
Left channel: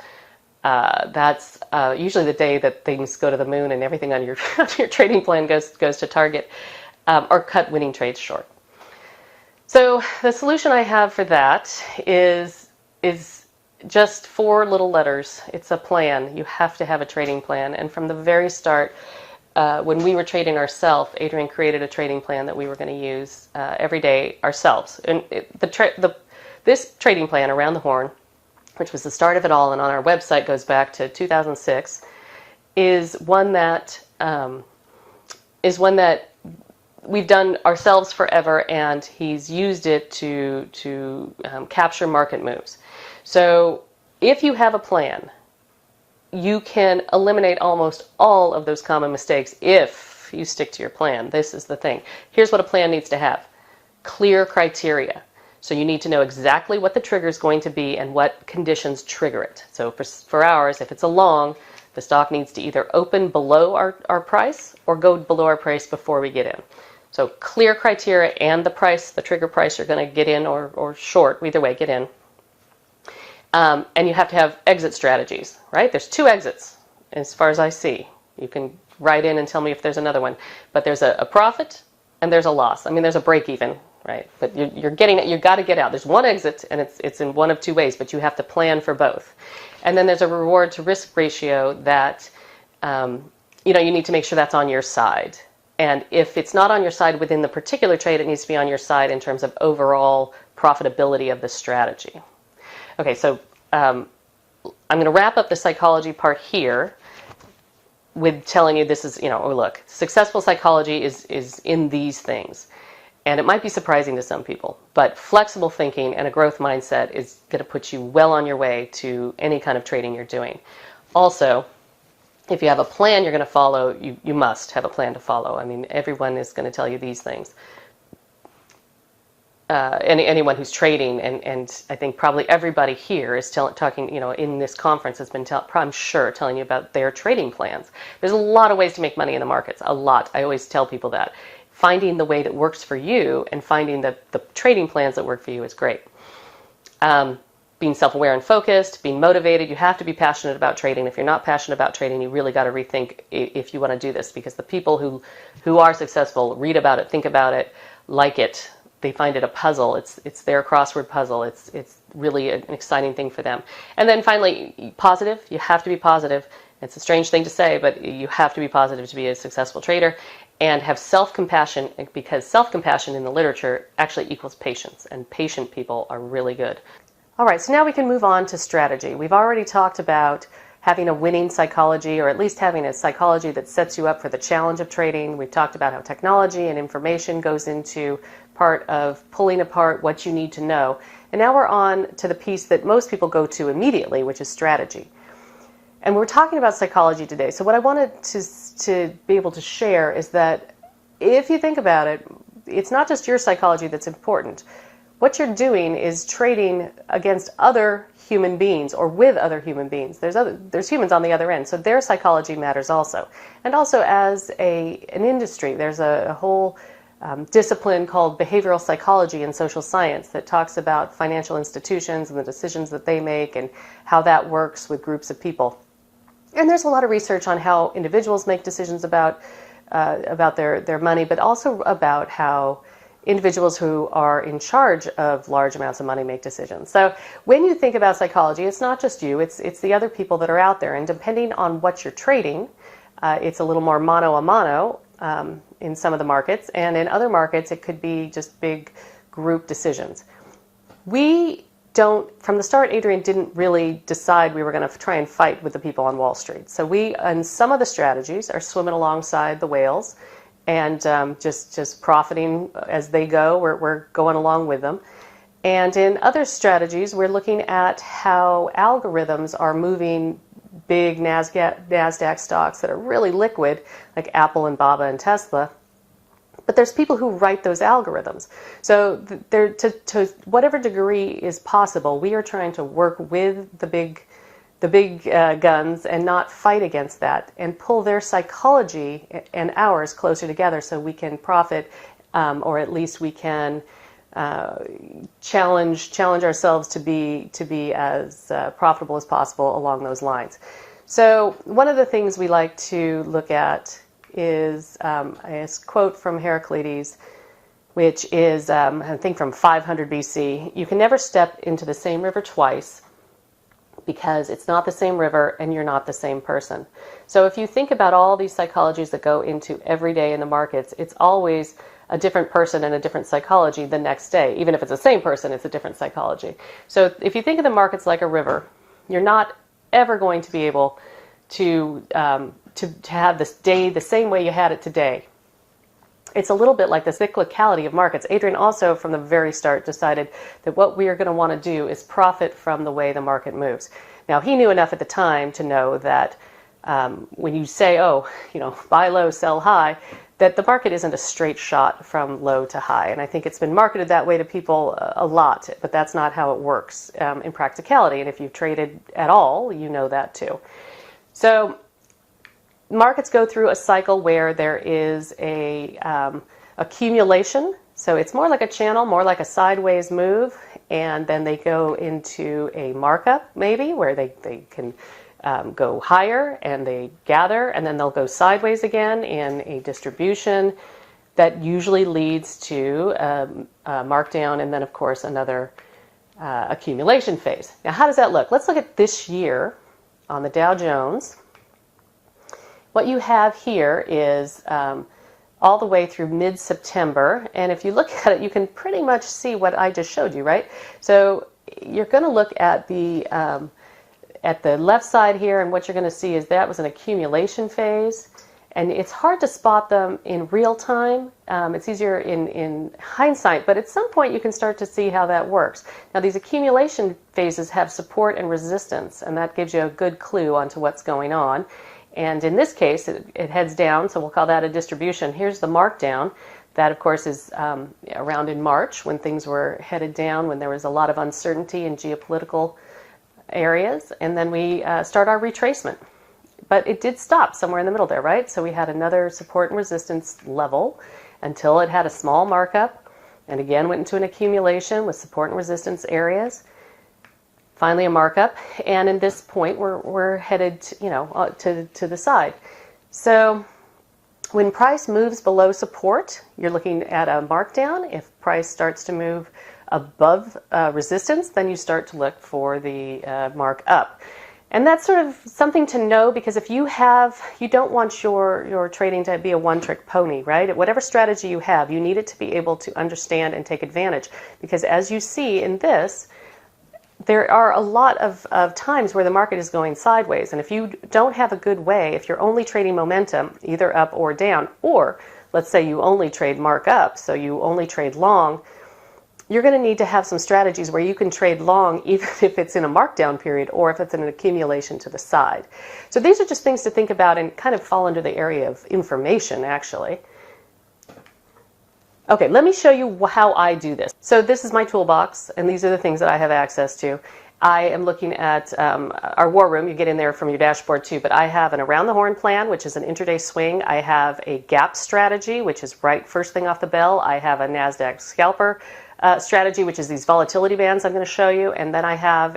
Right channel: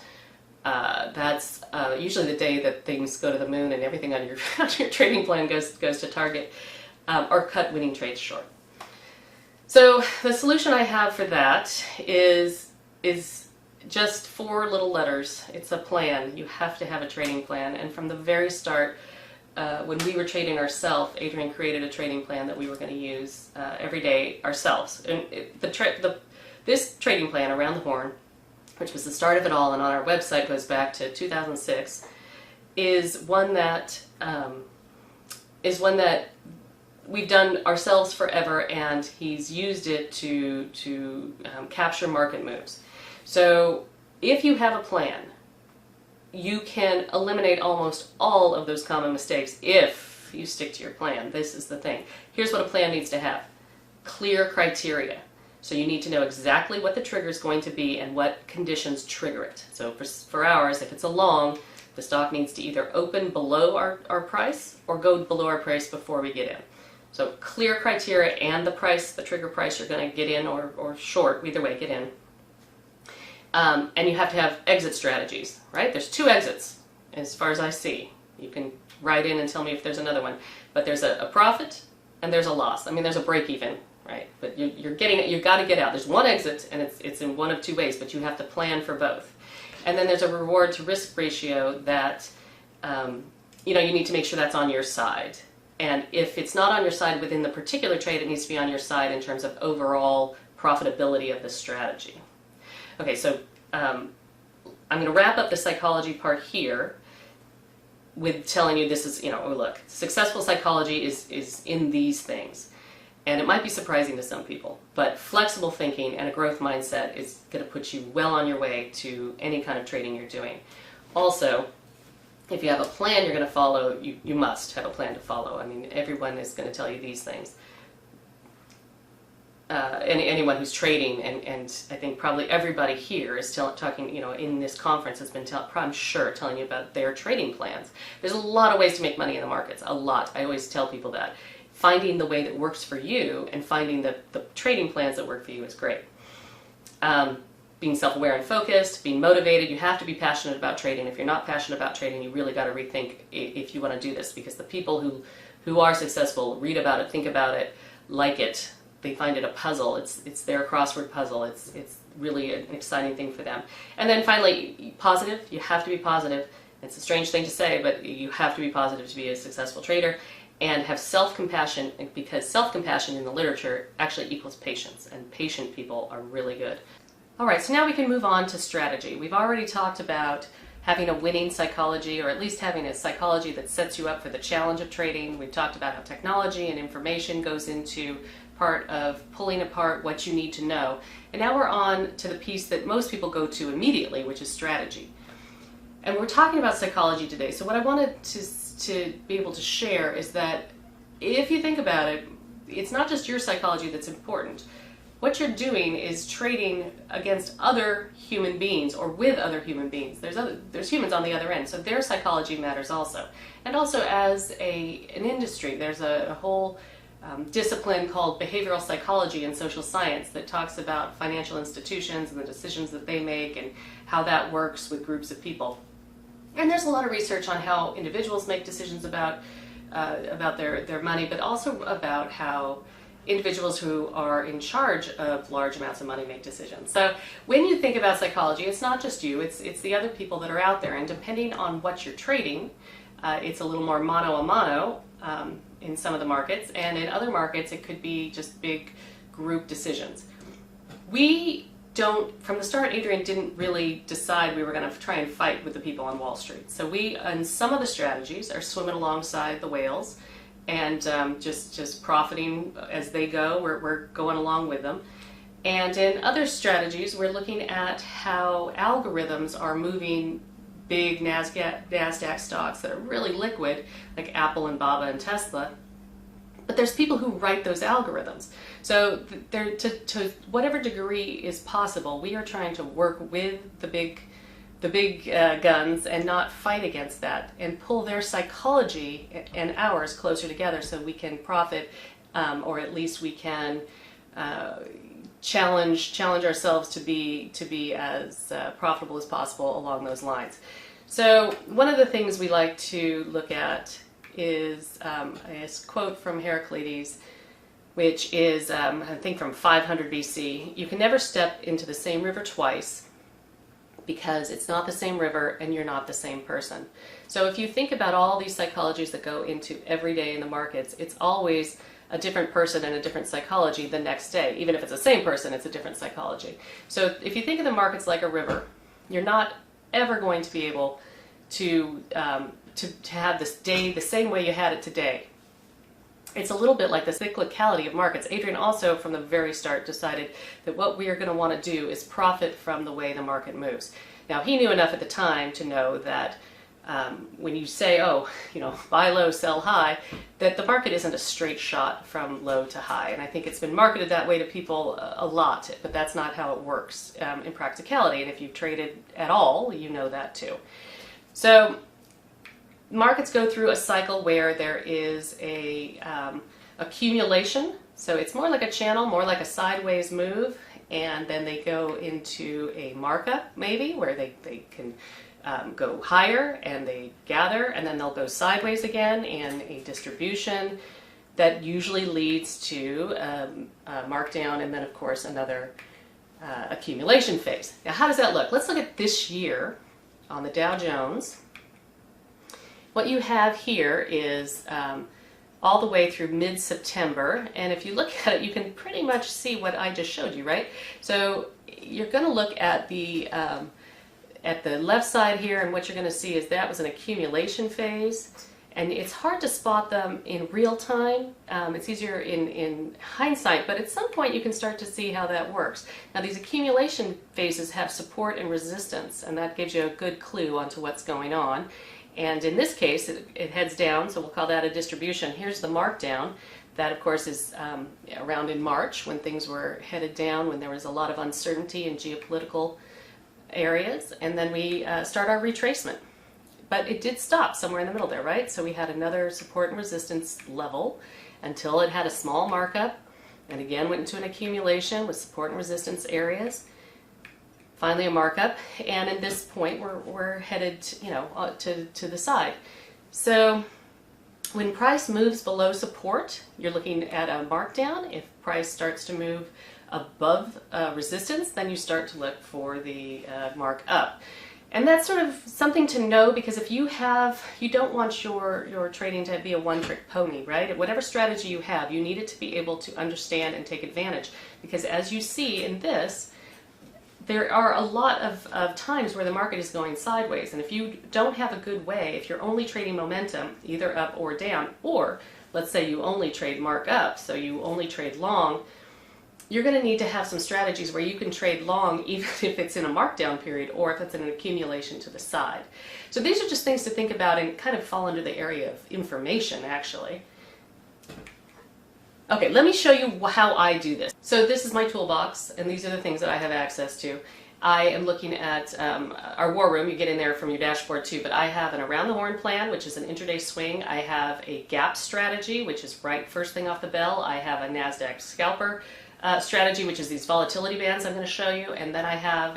That's usually the day that things go to the moon and everything on your on your trading plan goes to target, or cut winning trades short. So the solution I have for that is just 4 little letters. It's a plan. You have to have a trading plan, and from the very start, when we were trading ourselves, Adrian created a trading plan that we were going to use every day ourselves. And this trading plan, Around the Horn, which was the start of it all, and on our website goes back to 2006, is one that we've done ourselves forever, and he's used it to capture market moves. So if you have a plan, you can eliminate almost all of those common mistakes if you stick to your plan. This is the thing. Here's what a plan needs to have. Clear criteria. So you need to know exactly what the trigger is going to be and what conditions trigger it. So for ours, if it's a long, the stock needs to either open below our price or go below our price before we get in. So clear criteria and the price, the trigger price you're going to get in or short, either way, get in. And you have to have exit strategies, right? There's 2 exits as far as I see. You can write in and tell me if there's another one. But there's a profit and there's a loss. I mean, there's a break even, right? But you're getting it. You've got to get out. There's one exit, and it's in one of 2 ways, but you have to plan for both. And then there's a reward to risk ratio that you need to make sure that's on your side. And if it's not on your side within the particular trade, it needs to be on your side in terms of overall profitability of the strategy. Okay, so I'm going to wrap up the psychology part here with telling you this is, look, successful psychology is in these things. And it might be surprising to some people, but flexible thinking and a growth mindset is going to put you well on your way to any kind of trading you're doing. Also, if you have a plan you're going to follow, you must have a plan to follow. I mean, everyone is going to tell you these things. Anyone who's trading, and I think probably everybody here is talking, in this conference has been, I'm sure, telling you about their trading plans. There's a lot of ways to make money in the markets, a lot. I always tell people that. Finding the way that works for you and finding the trading plans that work for you is great. Being self-aware and focused, being motivated. You have to be passionate about trading. If you're not passionate about trading, you really got to rethink if you want to do this, because the people who are successful read about it, think about it, like it. They find it a puzzle. It's their crossword puzzle. It's really an exciting thing for them. And then finally, positive. You have to be positive. It's a strange thing to say, but you have to be positive to be a successful trader. And have self-compassion, because self-compassion in the literature actually equals patience, and patient people are really good. All right, so now we can move on to strategy. We've already talked about having a winning psychology, or at least having a psychology that sets you up for the challenge of trading. We've talked about how technology and information goes into part of pulling apart what you need to know. And now we're on to the piece that most people go to immediately, which is strategy. And we're talking about psychology today. So what I wanted to be able to share is that if you think about it, it's not just your psychology that's important. What you're doing is trading against other human beings or with other human beings. There's humans on the other end, so their psychology matters also. And also as an industry, there's a whole discipline called behavioral psychology and social science that talks about financial institutions and the decisions that they make and how that works with groups of people. And there's a lot of research on how individuals make decisions about their money, but also about how individuals who are in charge of large amounts of money make decisions. So when you think about psychology, it's not just you, it's the other people that are out there. And depending on what you're trading, it's a little more mano a mano in some of the markets. And in other markets, it could be just big group decisions. From the start, Adrian didn't really decide we were going to try and fight with the people on Wall Street. So we, in some of the strategies, are swimming alongside the whales and just profiting as they go. We're going along with them. And in other strategies, we're looking at how algorithms are moving big NASDAQ stocks that are really liquid, like Apple and Baba and Tesla. But there's people who write those algorithms. So to whatever degree is possible, we are trying to work with the big guns and not fight against that, and pull their psychology and ours closer together so we can profit or at least we can challenge ourselves to be as profitable as possible along those lines. So one of the things we like to look at is a quote from Heraclides, which is, I think, from 500 BC. You can never step into the same river twice because it's not the same river and you're not the same person. So if you think about all these psychologies that go into every day in the markets, it's always a different person and a different psychology the next day. Even if it's the same person, it's a different psychology. So if you think of the markets like a river, you're not ever going to be able to have this day the same way you had it today. It's a little bit like the cyclicality of markets. Adrian also, from the very start, decided that what we are going to want to do is profit from the way the market moves. Now, he knew enough at the time to know that when you say, oh, buy low, sell high, that the market isn't a straight shot from low to high. And I think it's been marketed that way to people a lot, but that's not how it works in practicality. And if you've traded at all, you know that too. So markets go through a cycle where there is a accumulation. So it's more like a channel, more like a sideways move. And then they go into a markup, maybe, where they can go higher and they gather, and then they'll go sideways again in a distribution that usually leads to a markdown, and then, of course, another accumulation phase. Now, how does that look? Let's look at this year on the Dow Jones. What you have here is all the way through mid-September, and if you look at it, you can pretty much see what I just showed you, right? So you're going to look at the left side here, and what you're going to see is that was an accumulation phase, and it's hard to spot them in real time. It's easier in hindsight, but at some point you can start to see how that works. Now, these accumulation phases have support and resistance, and that gives you a good clue onto what's going on. And in this case, it heads down, so we'll call that a distribution. Here's the markdown. That, of course, is around in March when things were headed down, when there was a lot of uncertainty in geopolitical areas. And then we start our retracement. But it did stop somewhere in the middle there, right? So we had another support and resistance level until it had a small markup, and again went into an accumulation with support and resistance areas. Finally a markup, and at this point we're headed to the side. So when price moves below support, you're looking at a markdown. If price starts to move above resistance, then you start to look for the mark up. And that's sort of something to know, because if you don't want your trading to be a one-trick pony, right? Whatever strategy you have, you need it to be able to understand and take advantage, because as you see in this, there are a lot of times where the market is going sideways, and if you don't have a good way, if you're only trading momentum, either up or down, or let's say you only trade mark up, so you only trade long, you're going to need to have some strategies where you can trade long even if it's in a markdown period or if it's in an accumulation to the side. So these are just things to think about and kind of fall under the area of information, actually. Okay, let me show you how I do this. So this is my toolbox, and these are the things that I have access to. I am looking at our war room. You get in there from your dashboard too, but I have an around the horn plan, which is an intraday swing. I have a gap strategy, which is right first thing off the bell. I have a NASDAQ scalper strategy, which is these volatility bands I'm going to show you. And then I have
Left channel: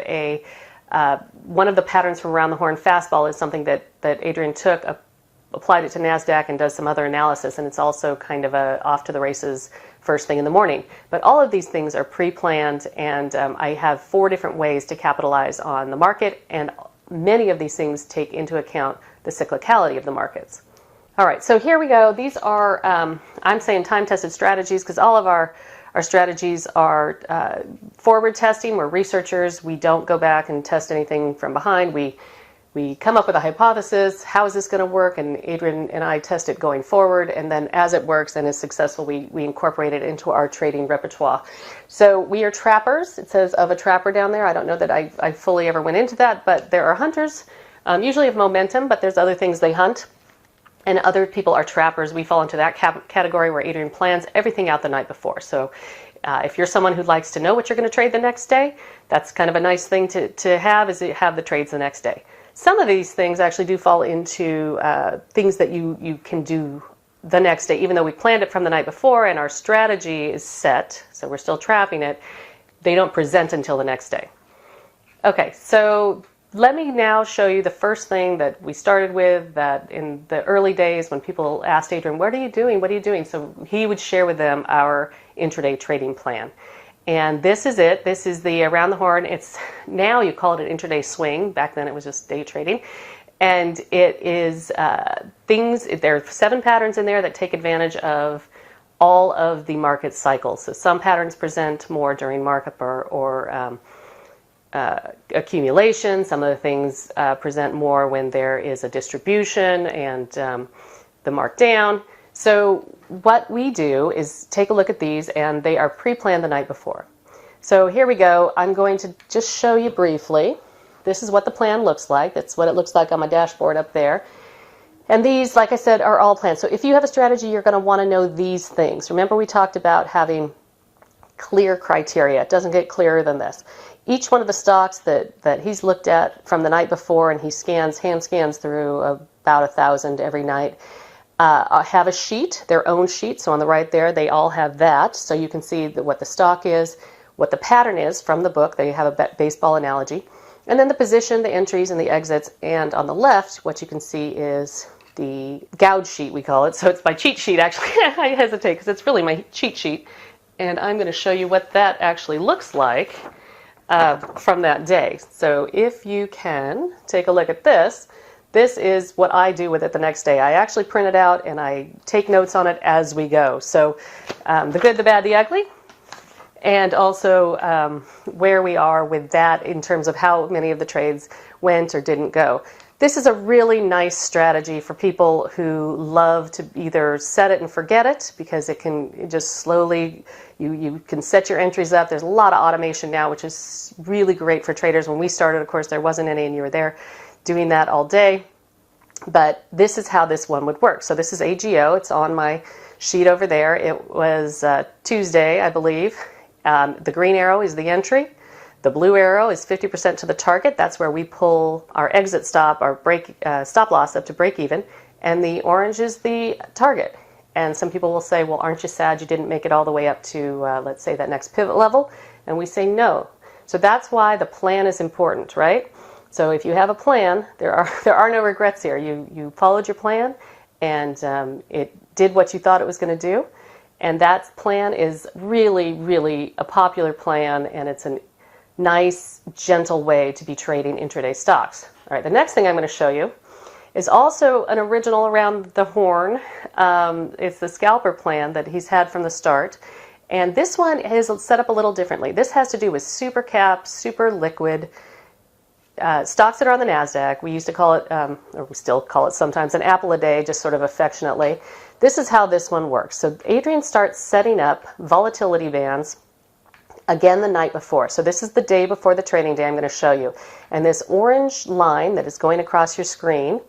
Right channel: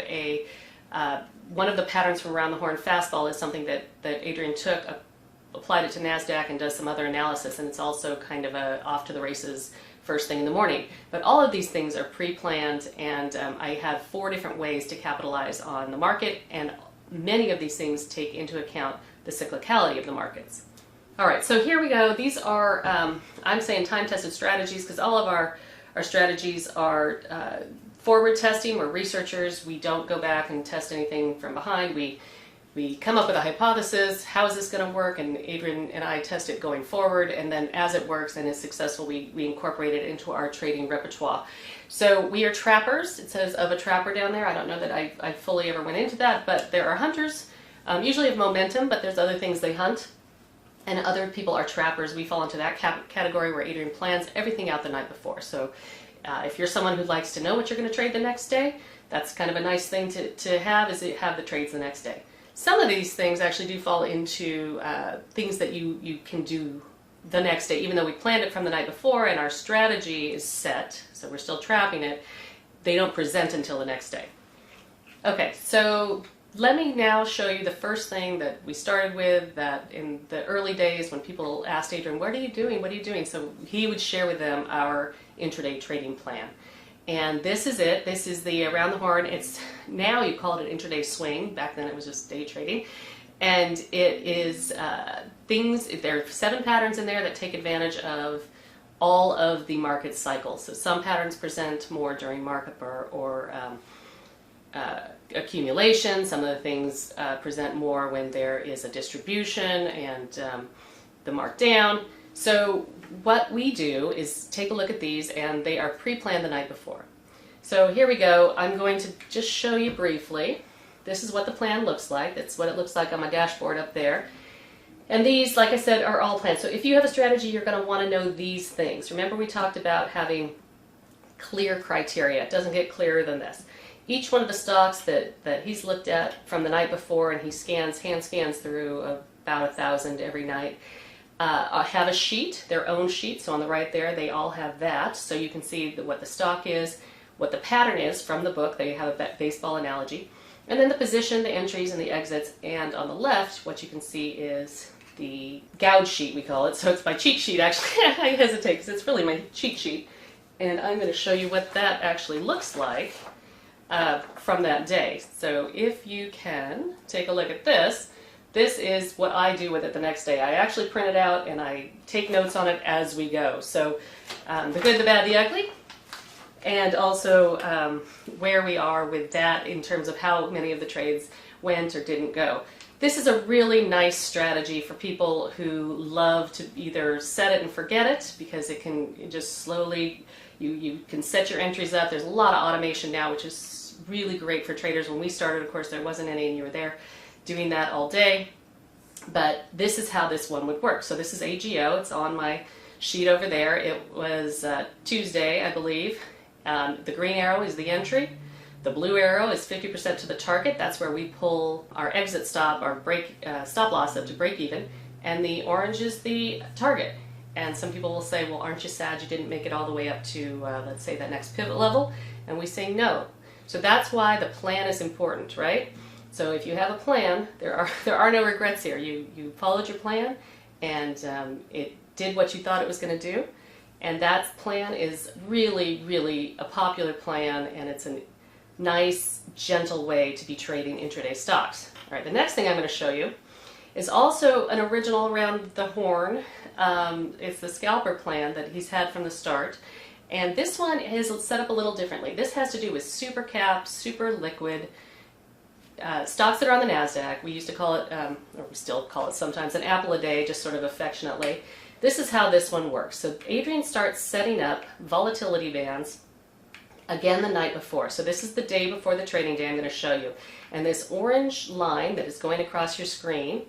one of the patterns from around the horn fastball is something that Adrian took, applied it to NASDAQ and does some other analysis, and it's also kind of a off to the races first thing in the morning. But all of these things are pre-planned, and I have 4 different ways to capitalize on the market, and many of these things take into account the cyclicality of the markets. All right, so here we go. These are, I'm saying time-tested strategies, because all of our strategies are forward testing. We're researchers. We don't go back and test anything from behind. We come up with a hypothesis, how is this going to work, and Adrian and I test it going forward, and then as it works and is successful, we incorporate it into our trading repertoire. So we are trappers. It says of a trapper down there. I don't know that I fully ever went into that, but there are hunters, usually of momentum, but there's other things they hunt, and other people are trappers. We fall into that category where Adrian plans everything out the night before. So if you're someone who likes to know what you're going to trade the next day, that's kind of a nice thing to have, is to have the trades the next day. Some of these things actually do fall into things that you can do the next day, even though we planned it from the night before and our strategy is set, so we're still trapping it, they don't present until the next day. Okay, so let me now show you the first thing that we started with, that in the early days when people asked Adrian, what are you doing? What are you doing? So he would share with them our intraday trading plan. And this is it. This is the around the horn. It's now you call it an intraday swing. Back then it was just day trading. And it is there are 7 patterns in there that take advantage of all of the market cycles. So some patterns present more during markup or accumulation. Some of the things present more when there is a distribution and the markdown. So what we do is take a look at these, and they are pre-planned the night before. So here we go. I'm going to just show you briefly. This is what the plan looks like. That's what it looks like on my dashboard up there. And these, like I said, are all planned. So if you have a strategy, you're going to want to know these things. Remember, we talked about having clear criteria. It doesn't get clearer than this. Each one of the stocks that he's looked at from the night before, and he hand scans through about 1,000 every night, have a sheet, their own sheet. So on the right there, they all have that. So you can see what the stock is, what the pattern is from the book. They have a baseball analogy. And then the position, the entries, and the exits. And on the left, what you can see is the gouge sheet, we call it. So it's my cheat sheet, actually. I hesitate because it's really my cheat sheet. And I'm going to show you what that actually looks like from that day. So if you can take a look at this, this is what I do with it the next day. I actually print it out and I take notes on it as we go. So the good, the bad, the ugly, and also where we are with that in terms of how many of the trades went or didn't go. This is a really nice strategy for people who love to either set it and forget it, because it can just slowly, you can set your entries up. There's a lot of automation now, which is really great for traders. When we started, of course, there wasn't any, and you were there doing that all day. But this is how this one would work. So this is AGO. It's on my sheet over there. It was Tuesday, I believe. The green arrow is the entry. The blue arrow is 50% to the target. That's where we pull our exit stop, our stop loss up to break even. And the orange is the target. And some people will say, well, aren't you sad you didn't make it all the way up to, let's say, that next pivot level? And we say no. So that's why the plan is important, right? So if you have a plan, there are no regrets here. You followed your plan, and it did what you thought it was going to do. And that plan is really, really a popular plan, and it's a nice, gentle way to be trading intraday stocks. All right, the next thing I'm going to show you is also an original around the horn. It's the scalper plan that he's had from the start. And this one is set up a little differently. This has to do with super cap, super liquid stocks that are on the NASDAQ. We used to call it, or we still call it sometimes, an apple a day, just sort of affectionately. This is how this one works. So Adrian starts setting up volatility bands again the night before. So this is the day before the trading day I'm going to show you. And this orange line that is going across your screen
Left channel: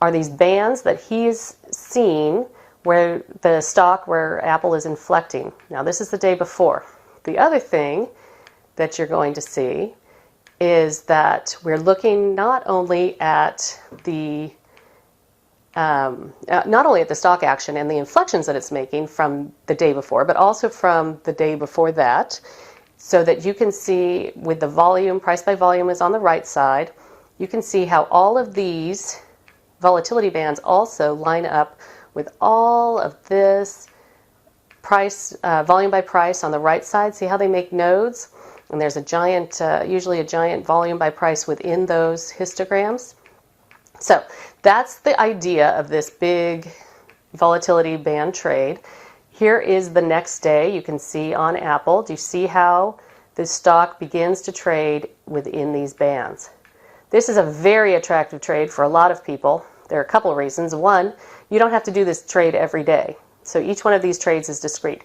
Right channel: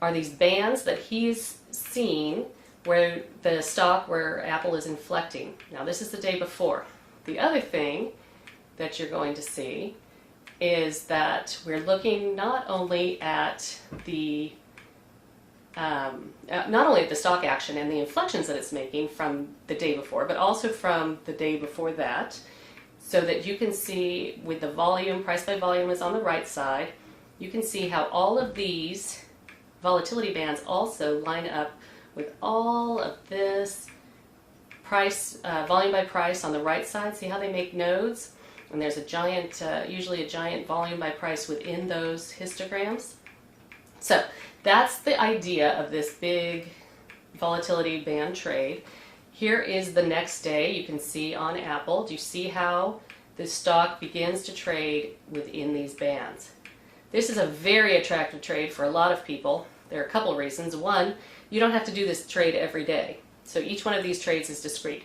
are these bands that he's seen where the stock, where Apple is inflecting. Now this is the day before. The other thing that you're going to see is that we're looking not only at the stock action and the inflections that it's making from the day before, but also from the day before that, so that you can see with the volume, price by volume is on the right side, you can see how all of these volatility bands also line up with all of this price, volume by price on the right side. See how they make nodes? And there's a giant, usually a giant volume by price within those histograms. So that's the idea of this big volatility band trade. Here is the next day. You can see on Apple. Do you see how the stock begins to trade within these bands? This is a very attractive trade for a lot of people. There are a couple of reasons. One, you don't have to do this trade every day. So each one of these trades is discrete.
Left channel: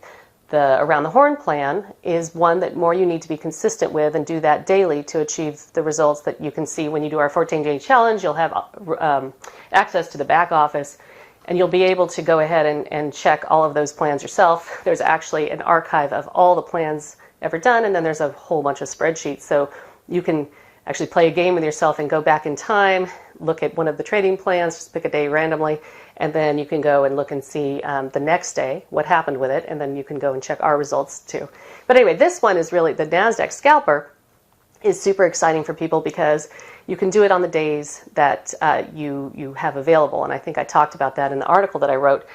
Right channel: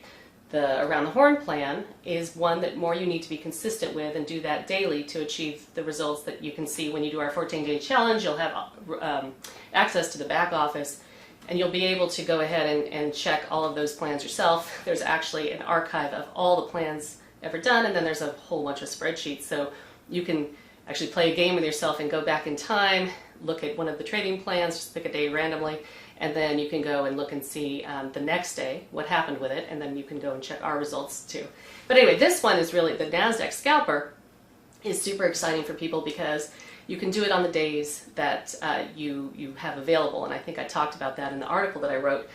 The around the horn plan is one that more you need to be consistent with and do that daily to achieve the results that you can see when you do our 14-day challenge. You'll have access to the back office, and you'll be able to go ahead and check all of those plans yourself. There's actually an archive of all the plans ever done, and then there's a whole bunch of spreadsheets. So you can actually play a game with yourself and go back in time, look at one of the trading plans, just pick a day randomly, and then you can go and look and see the next day what happened with it, and then you can go and check our results too. But anyway, this one is really, the NASDAQ scalper is super exciting for people because you can do it on the days that you have available, and I think I talked about that in the article that I wrote.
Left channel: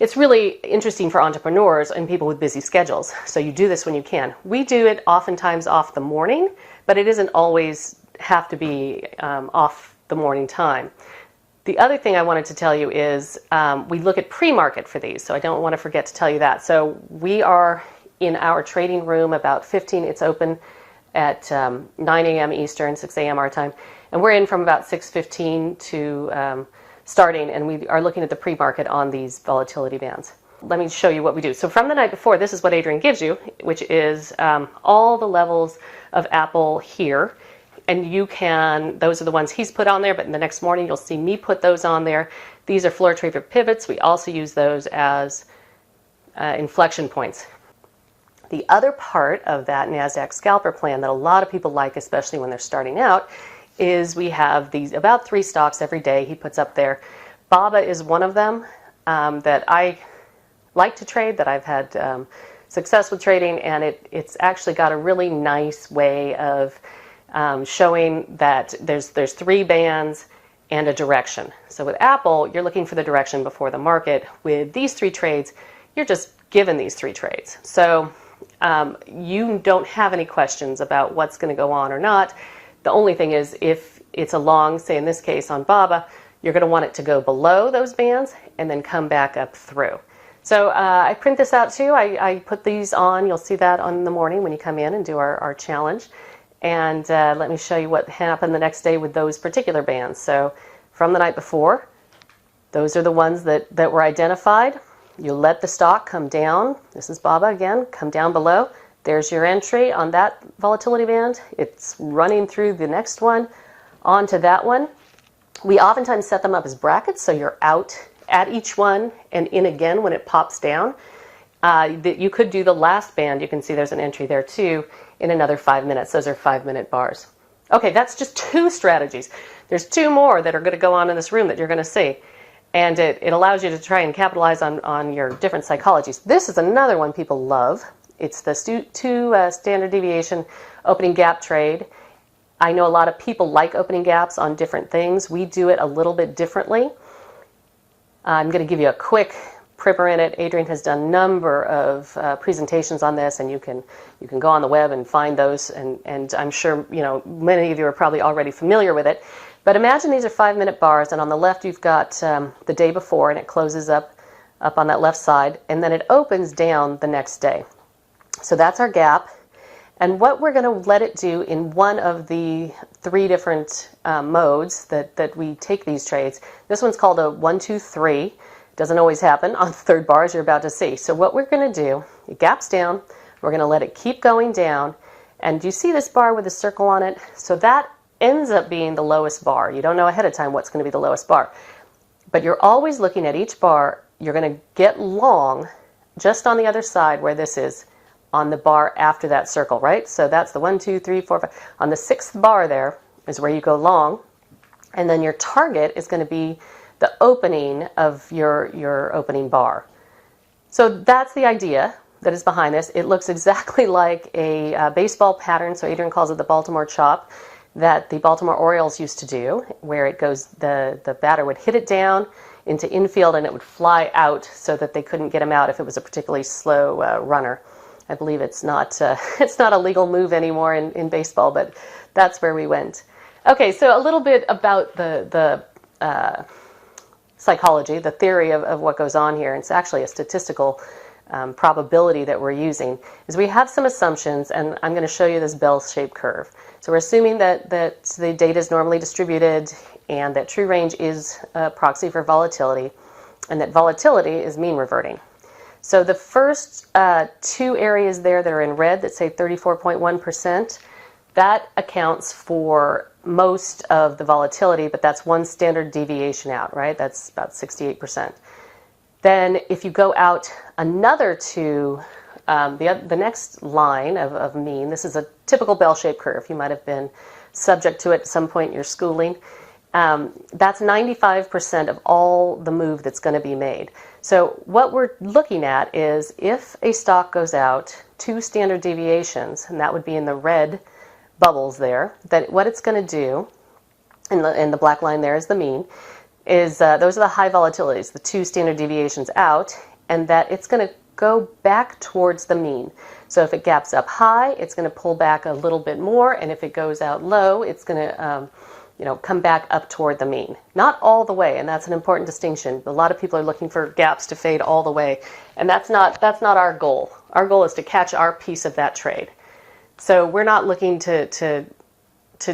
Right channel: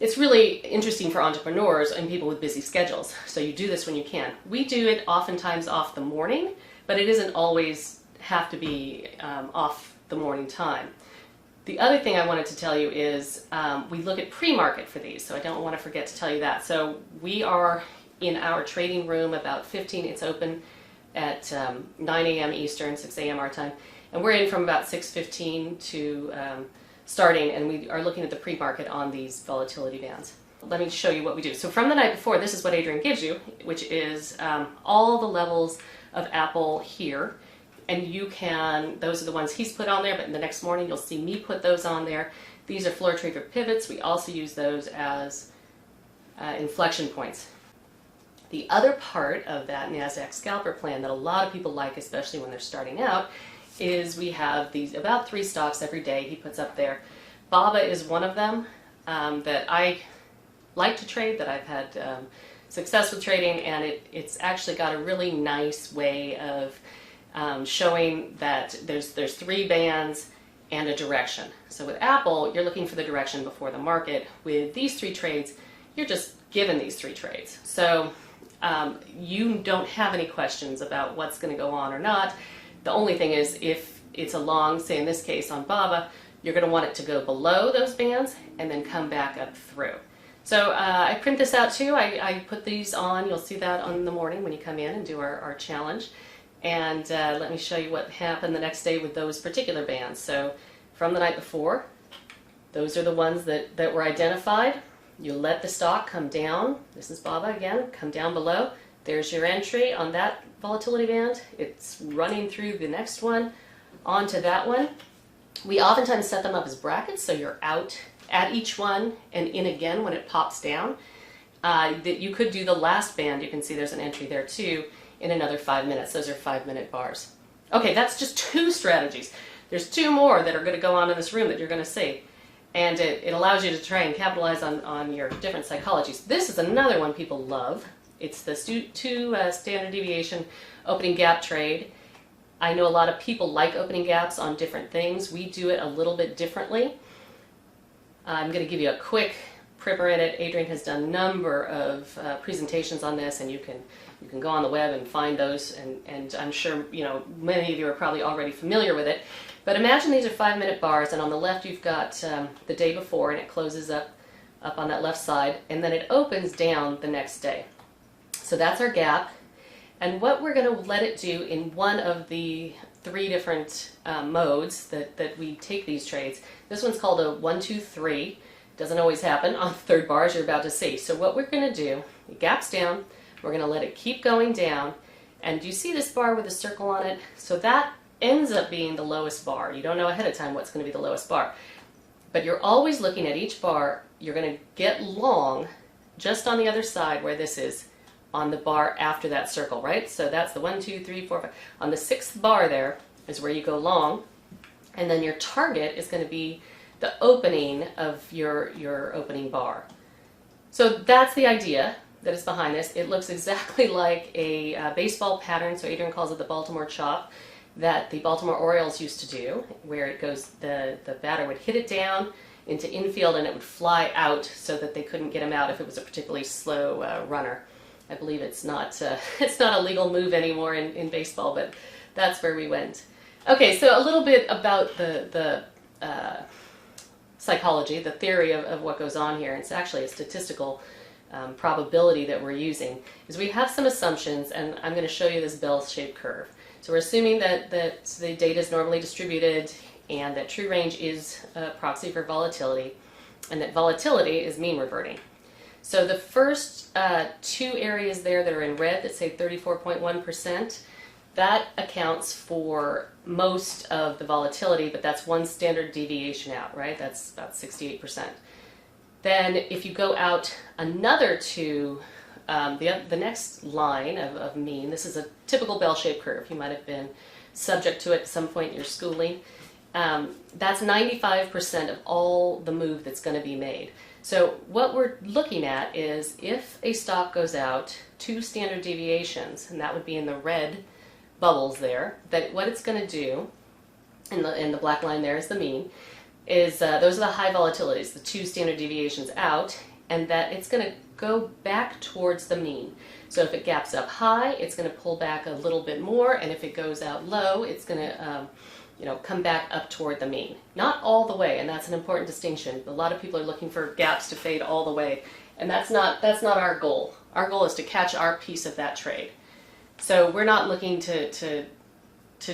It's really interesting for entrepreneurs and people with busy schedules, so you do this when you can. We do it oftentimes off the morning, but it isn't always have to be off the morning time. The other thing I wanted to tell you is we look at pre-market for these, so I don't want to forget to tell you that. So we are in our trading room about 15, it's open at 9 a.m. Eastern, 6 a.m. our time, and we're in from about 6:15 to starting, and we are looking at the pre-market on these volatility bands. Let me show you what we do. So from the night before, this is what Adrian gives you, which is all the levels of Apple here. And you can, those are the ones he's put on there, but in the next morning you'll see me put those on there. These are floor trader pivots. We also use those as inflection points. The other part of that NASDAQ scalper plan that a lot of people like, especially when they're starting out, is we have these about 3 stocks every day he puts up there. BABA is one of them that I like to trade, that I've had success with trading, and it's actually got a really nice way of showing that there's 3 bands and a direction. So with Apple, you're looking for the direction before the market. With these 3 trades, you're just given these 3 trades. So you don't have any questions about what's going to go on or not. The only thing is, if it's a long, say in this case on BABA, you're going to want it to go below those bands and then come back up through. So I print this out too. I put these on. You'll see that on the morning when you come in and do our challenge. And let me show you what happened the next day with those particular bands. So from the night before, those are the ones that were identified. You let the stock come down. This is BABA again, come down below. There's your entry on that volatility band. It's running through the next one onto that one. We oftentimes set them up as brackets, so you're out at each one and in again when it pops down. You could do the last band. You can see there's an entry there too in another 5 minutes. Those are 5-minute bars. Okay, that's just 2 strategies. There's 2 more that are going to go on in this room that you're going to see. And it allows you to try and capitalize on your different psychologies. This is another one people love. It's the 2 standard deviation opening gap trade. I know a lot of people like opening gaps on different things. We do it a little bit differently. I'm going to give you a quick primer in it. Adrian has done a number of presentations on this, and you can go on the web and find those, and I'm sure many of you are probably already familiar with it. But imagine these are 5-minute bars, and on the left you've got the day before, and it closes up on that left side, and then it opens down the next day. So that's our gap, and what we're going to let it do in one of the 3 different modes that we take these trades. This one's called a 1, 2, 3. Doesn't always happen on the 3rd bar, as you're about to see. So what we're going to do, it gaps down, we're going to let it keep going down, and do you see this bar with a circle on it? So that ends up being the lowest bar. You don't know ahead of time what's going to be the lowest bar, but you're always looking at each bar. You're going to get long just on the other side where this is, on the bar after that circle, right? So that's the 1, 2, 3, 4, 5. On the 6th bar there is where you go long, and then your target is going to be the opening of your opening bar. So that's the idea that is behind this. It looks exactly like a baseball pattern, so Adrian calls it the Baltimore chop, that the Baltimore Orioles used to do, where it goes, the batter would hit it down into infield and it would fly out so that they couldn't get him out if it was a particularly slow runner. I believe it's not a legal move anymore in baseball, but that's where we went. Okay, so a little bit about the psychology, the theory of what goes on here. It's actually a statistical probability that we're using. Is we have some assumptions, and I'm going to show you this bell-shaped curve. So we're assuming that the data is normally distributed and that true range is a proxy for volatility, and that volatility is mean reverting. So the first 2 areas there that are in red that say 34.1%, that accounts for most of the volatility, but that's 1 standard deviation out, right? That's about 68%. Then if you go out another 2, the next line of mean, this is a typical bell-shaped curve. You might have been subject to it at some point in your schooling. That's 95% of all the move that's going to be made. So what we're looking at is if a stock goes out 2 standard deviations, and that would be in the red bubbles there, that what it's going to do, and the black line there is the mean, is those are the high volatilities, the 2 standard deviations out, and that it's going to go back towards the mean. So if it gaps up high, it's going to pull back a little bit more, and if it goes out low, it's going to come back up toward the mean. Not all the way, and that's an important distinction. A lot of people are looking for gaps to fade all the way, and that's not our goal. Our goal is to catch our piece of that trade. So we're not looking to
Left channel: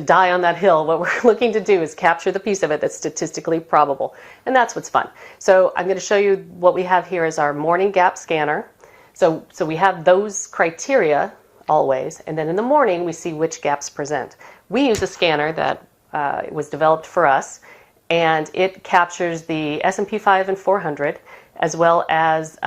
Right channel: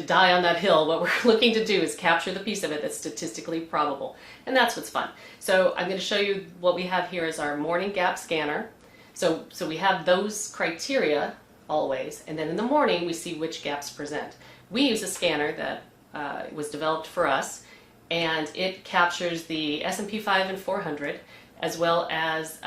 die on that hill. What we're looking to do is capture the piece of it that's statistically probable, and that's what's fun. So I'm going to show you what we have here is our morning gap scanner. So we have those criteria always, and then in the morning we see which gaps present. We use a scanner that it was developed for us, and it captures the S&P 5 and 400, as well as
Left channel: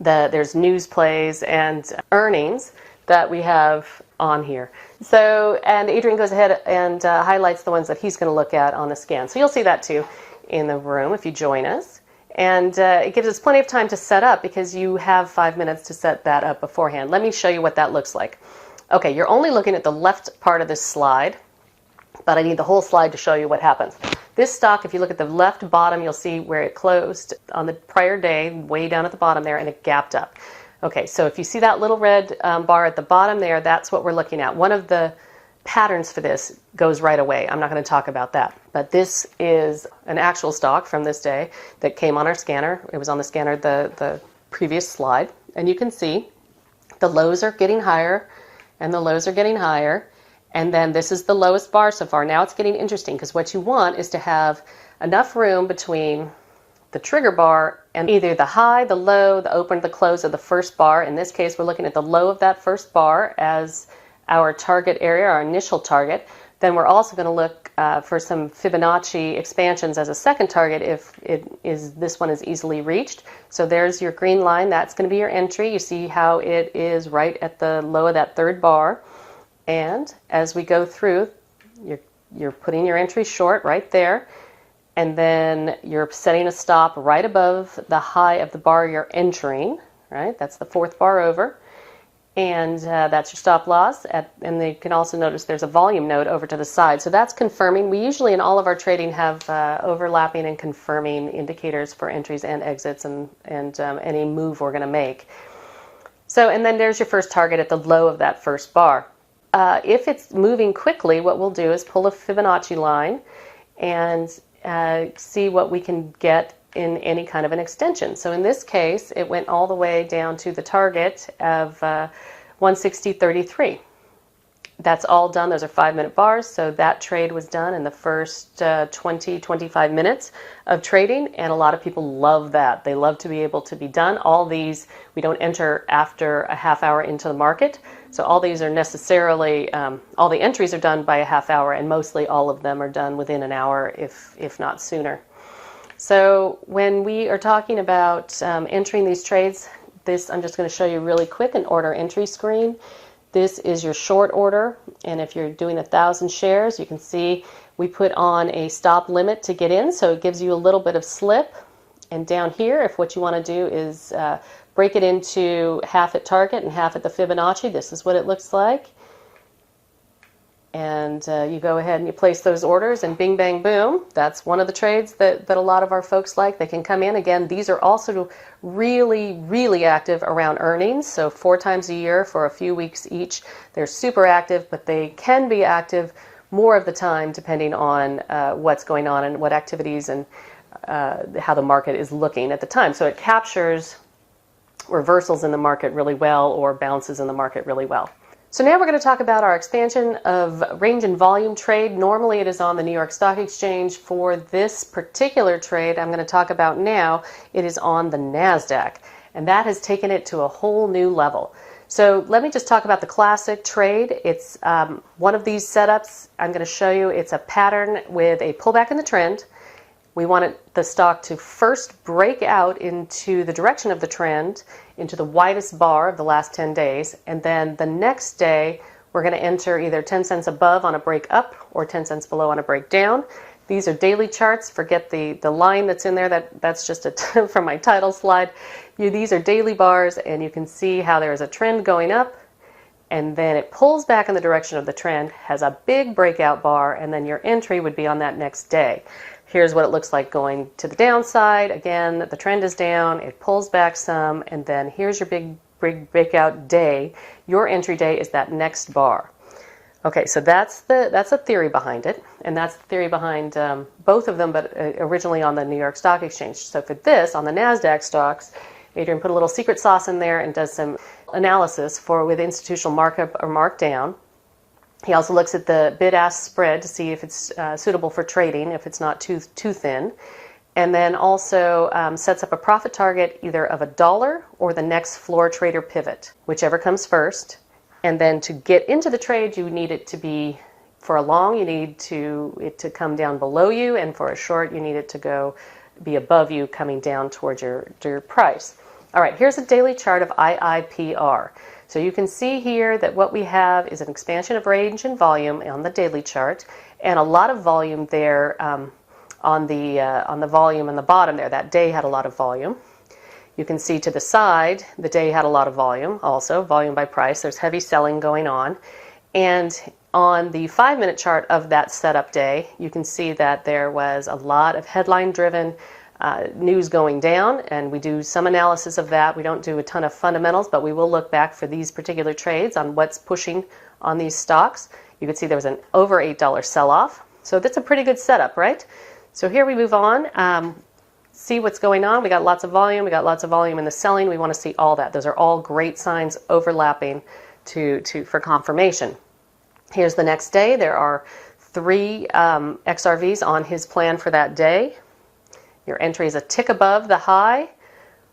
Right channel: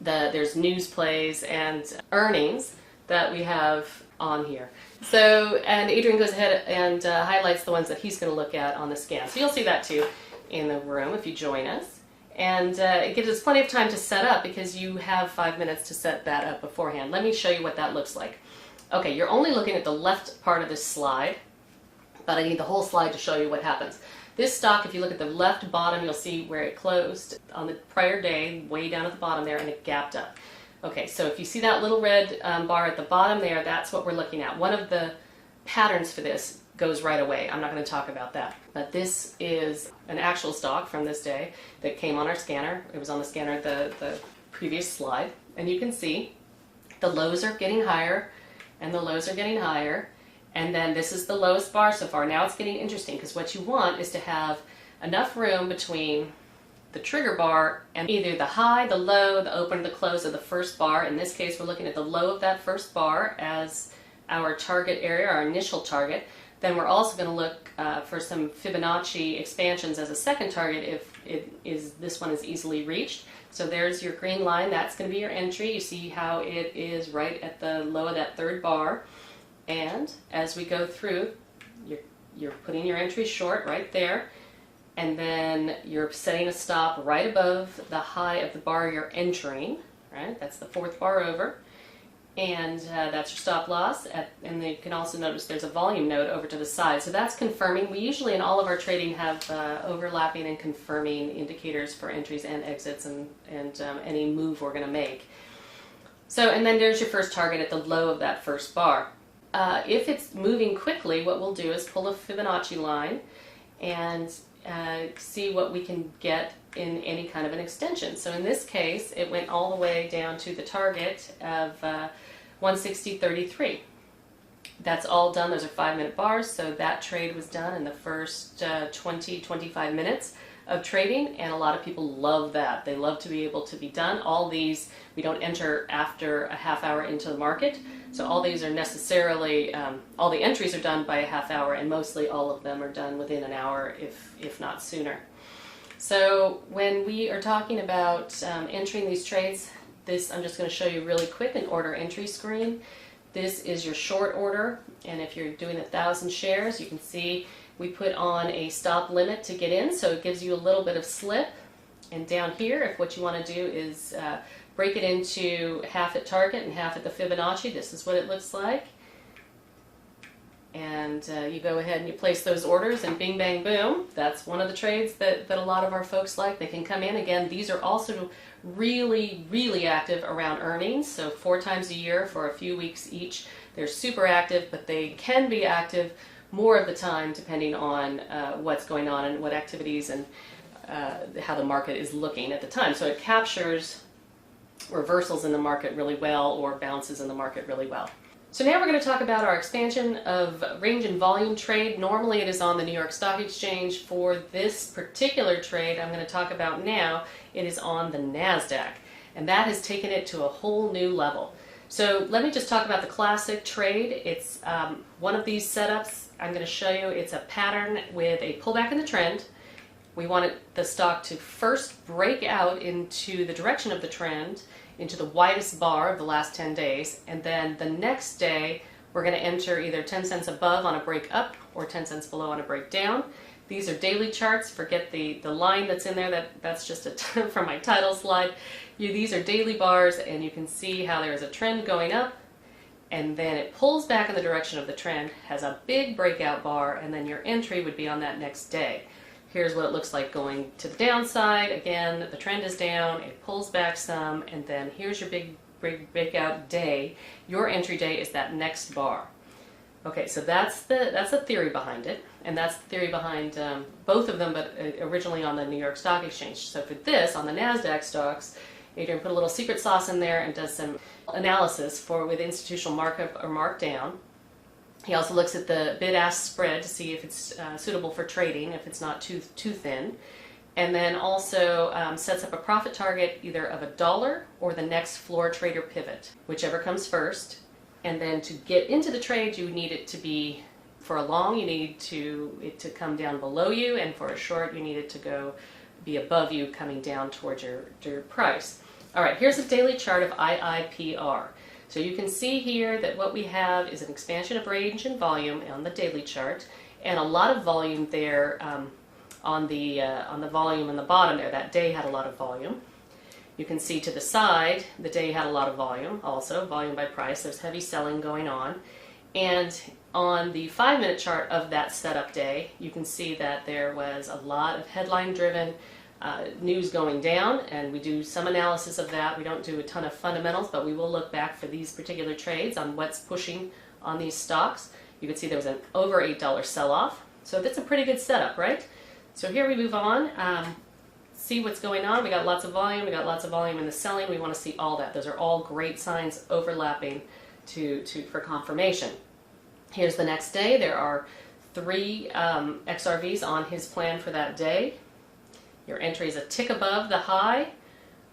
there's news plays and earnings that we have on here. So, and Adrian goes ahead and highlights the ones that he's going to look at on the scan. So you'll see that too in the room if you join us. And it gives us plenty of time to set up because you have 5 minutes to set that up beforehand. Let me show you what that looks like. Okay, you're only looking at the left part of this slide, but I need the whole slide to show you what happens. This stock, if you look at the left bottom, you'll see where it closed on the prior day, way down at the bottom there, and it gapped up. Okay, so if you see that little red bar at the bottom there, that's what we're looking at. One of the patterns for this goes right away. I'm not going to talk about that. But this is an actual stock from this day that came on our scanner. It was on the scanner the previous slide. And you can see the lows are getting higher and the lows are getting higher. And then this is the lowest bar so far. Now it's getting interesting because what you want is to have enough room between the trigger bar and either the high, the low, the open, the close of the first bar. In this case, we're looking at the low of that first bar as our target area, our initial target. Then we're also going to look for some Fibonacci expansions as a second target if this one is easily reached. So there's your green line. That's going to be your entry. You see how it is right at the low of that third bar. And as we go through, you're putting your entry short right there. And then you're setting a stop right above the high of the bar you're entering, right? That's the fourth bar over. And that's your stop loss. And you can also notice there's a volume node over to the side. So that's confirming. We usually in all of our trading have overlapping and confirming indicators for entries and exits and any move we're going to make. So, and then there's your first target at the low of that first bar. If it's moving quickly, what we'll do is pull a Fibonacci line and see what we can get in any kind of an extension. So in this case, it went all the way down to the target of 160.33. That's all done. Those are 5-minute bars. So that trade was done in the first 20-25 minutes of trading, and a lot of people love that. They love to be able to be done. All these, we don't enter after a half hour into the market. So all these are necessarily, all the entries are done by a half hour, and mostly all of them are done within an hour, if not sooner. So when we are talking about entering these trades, I'm just going to show you really quick an order entry screen. This is your short order, and if you're doing 1,000 shares, you can see we put on a stop limit to get in, so it gives you a little bit of slip. And down here, if what you want to do is break it into half at target and half at the Fibonacci, this is what it looks like. And you go ahead and you place those orders, and bing, bang, boom. That's one of the trades that a lot of our folks like. They can come in. Again, these are also really, really active around earnings. So 4 times a year for a few weeks each. They're super active, but they can be active more of the time depending on what's going on and what activities and how the market is looking at the time. So it captures reversals in the market really well or bounces in the market really well. So now we're going to talk about our expansion of range and volume trade. Normally it is on the New York Stock Exchange. For this particular trade I'm going to talk about now, it is on the NASDAQ, and that has taken it to a whole new level. So let me just talk about the classic trade. It's one of these setups I'm going to show you. It's a pattern with a pullback in the trend. We want the stock to first break out into the direction of the trend, into the widest bar of the last 10 days, and then the next day we're going to enter either 10 cents above on a break up or 10 cents below on a break down. These are daily charts. Forget the line that's in there. That's just from my title slide. These are daily bars, and you can see how there is a trend going up, and then it pulls back in the direction of the trend, has a big breakout bar, and then your entry would be on that next day. Here's what it looks like going to the downside. Again, the trend is down, it pulls back some, and then here's your big breakout day. Your entry day is that next bar. Okay, so that's the theory behind it, and that's the theory behind both of them, but originally on the New York Stock Exchange. So for this, on the NASDAQ stocks, Adrian put a little secret sauce in there and does some analysis with institutional markup or markdown. He also looks at the bid-ask spread to see if it's suitable for trading, if it's not too thin, and then also sets up a profit target either of $1 or the next floor trader pivot, whichever comes first. And then to get into the trade, you need it to be, for a long, you need it to come down below you, and for a short, you need it to be above you, coming down towards your price. All right, here's a daily chart of IIPR. So you can see here that what we have is an expansion of range and volume on the daily chart, and a lot of volume there on the volume in the bottom there. That day had a lot of volume. You can see to the side, the day had a lot of volume also, volume by price. There's heavy selling going on. And on the 5-minute chart of that setup day, you can see that there was a lot of headline-driven news going down, and we do some analysis of that. We don't do a ton of fundamentals, but we will look back for these particular trades on what's pushing on these stocks. You can see there was an over $8 sell-off. So that's a pretty good setup, right? So here we move on. See what's going on. We got lots of volume. We got lots of volume in the selling. We want to see all that. Those are all great signs overlapping for confirmation. Here's the next day. There are 3 XRVs on his plan for that day. Your entry is a tick above the high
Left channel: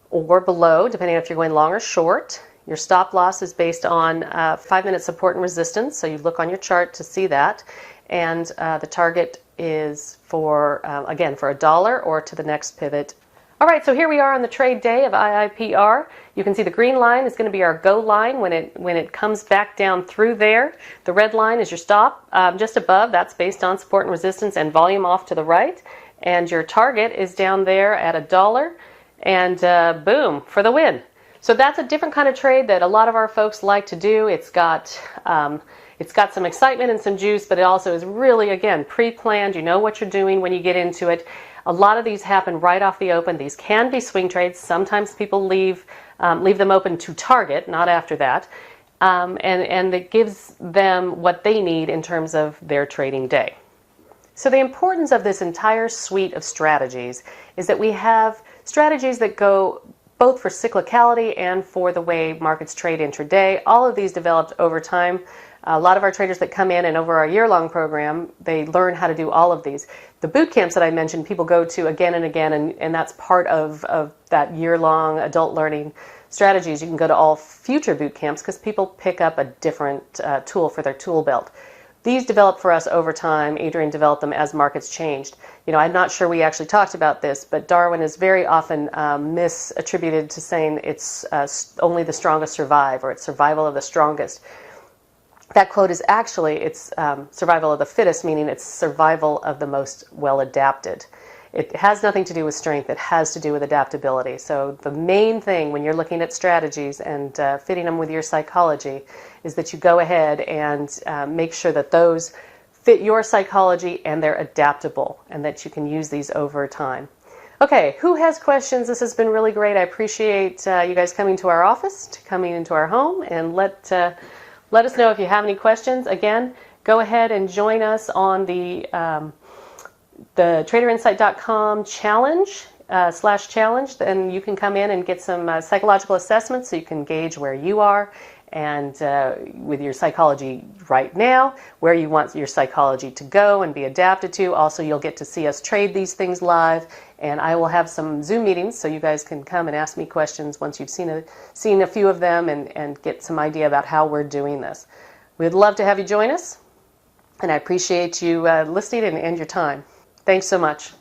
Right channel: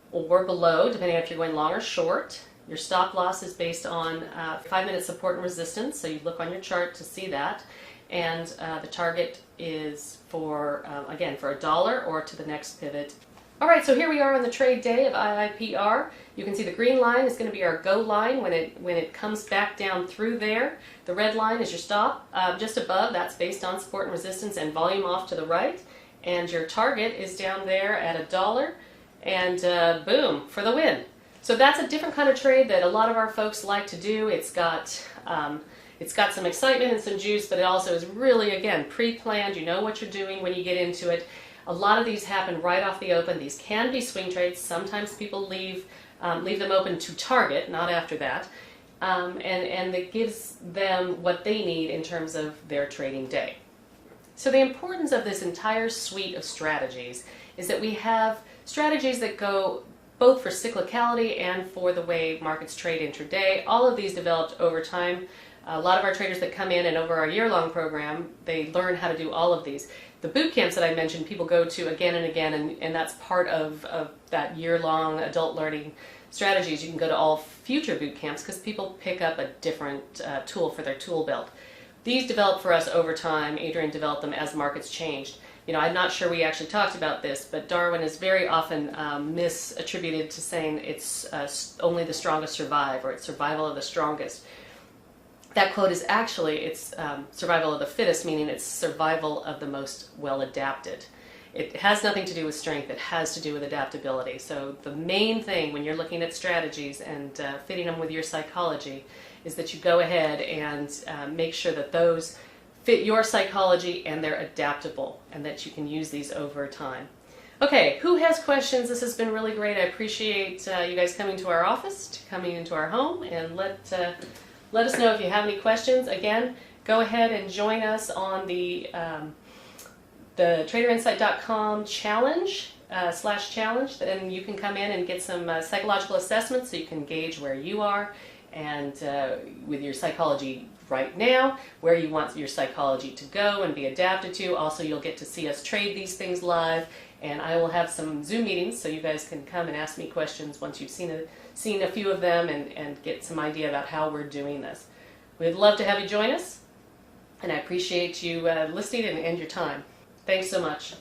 or below, depending on if you're going long or short. Your stop loss is based on 5-minute support and resistance, so you look on your chart to see that. And the target is for, again, for $1 or to the next pivot. All right, so here we are on the trade day of IIPR. You can see the green line is going to be our go line when it comes back down through there. The red line is your stop just above. That's based on support and resistance and volume off to the right. And your target is down there at $1, and boom, for the win. So that's a different kind of trade that a lot of our folks like to do. It's got some excitement and some juice, but it also is really, again, pre-planned. You know what you're doing when you get into it. A lot of these happen right off the open. These can be swing trades. Sometimes people leave them open to target, not after that. And it gives them what they need in terms of their trading day. So the importance of this entire suite of strategies is that we have strategies that go both for cyclicality and for the way markets trade intraday. All of these developed over time. A lot of our traders that come in and over our year-long program, they learn how to do all of these. The boot camps that I mentioned, people go to again and again, and that's part of that year-long adult learning strategies. You can go to all future boot camps because people pick up a different tool for their tool belt. These developed for us over time. Adrian developed them as markets changed. You know, I'm not sure we actually talked about this, but Darwin is very often misattributed to saying it's only the strongest survive, or it's survival of the strongest. That quote is actually, it's survival of the fittest, meaning it's survival of the most well-adapted. It has nothing to do with strength. It has to do with adaptability. So the main thing when you're looking at strategies and fitting them with your psychology is that you go ahead and make sure that those fit your psychology and they're adaptable, and that you can use these over time. Okay, who has questions? This has been really great. I appreciate you guys coming to our office, coming into our home, and let us know if you have any questions. Again, go ahead and join us on the traderinsight.com challenge /challenge, and you can come in and get some psychological assessments so you can gauge where you are and with your psychology right now, where you want your psychology to go and be adapted to. Also, you'll get to see us trade these things live, and I will have some Zoom meetings so you guys can come and ask me questions once you've seen a few of them and get some idea about how we're doing this. We'd love to have you join us, and I appreciate you listening and your time. Thanks so much.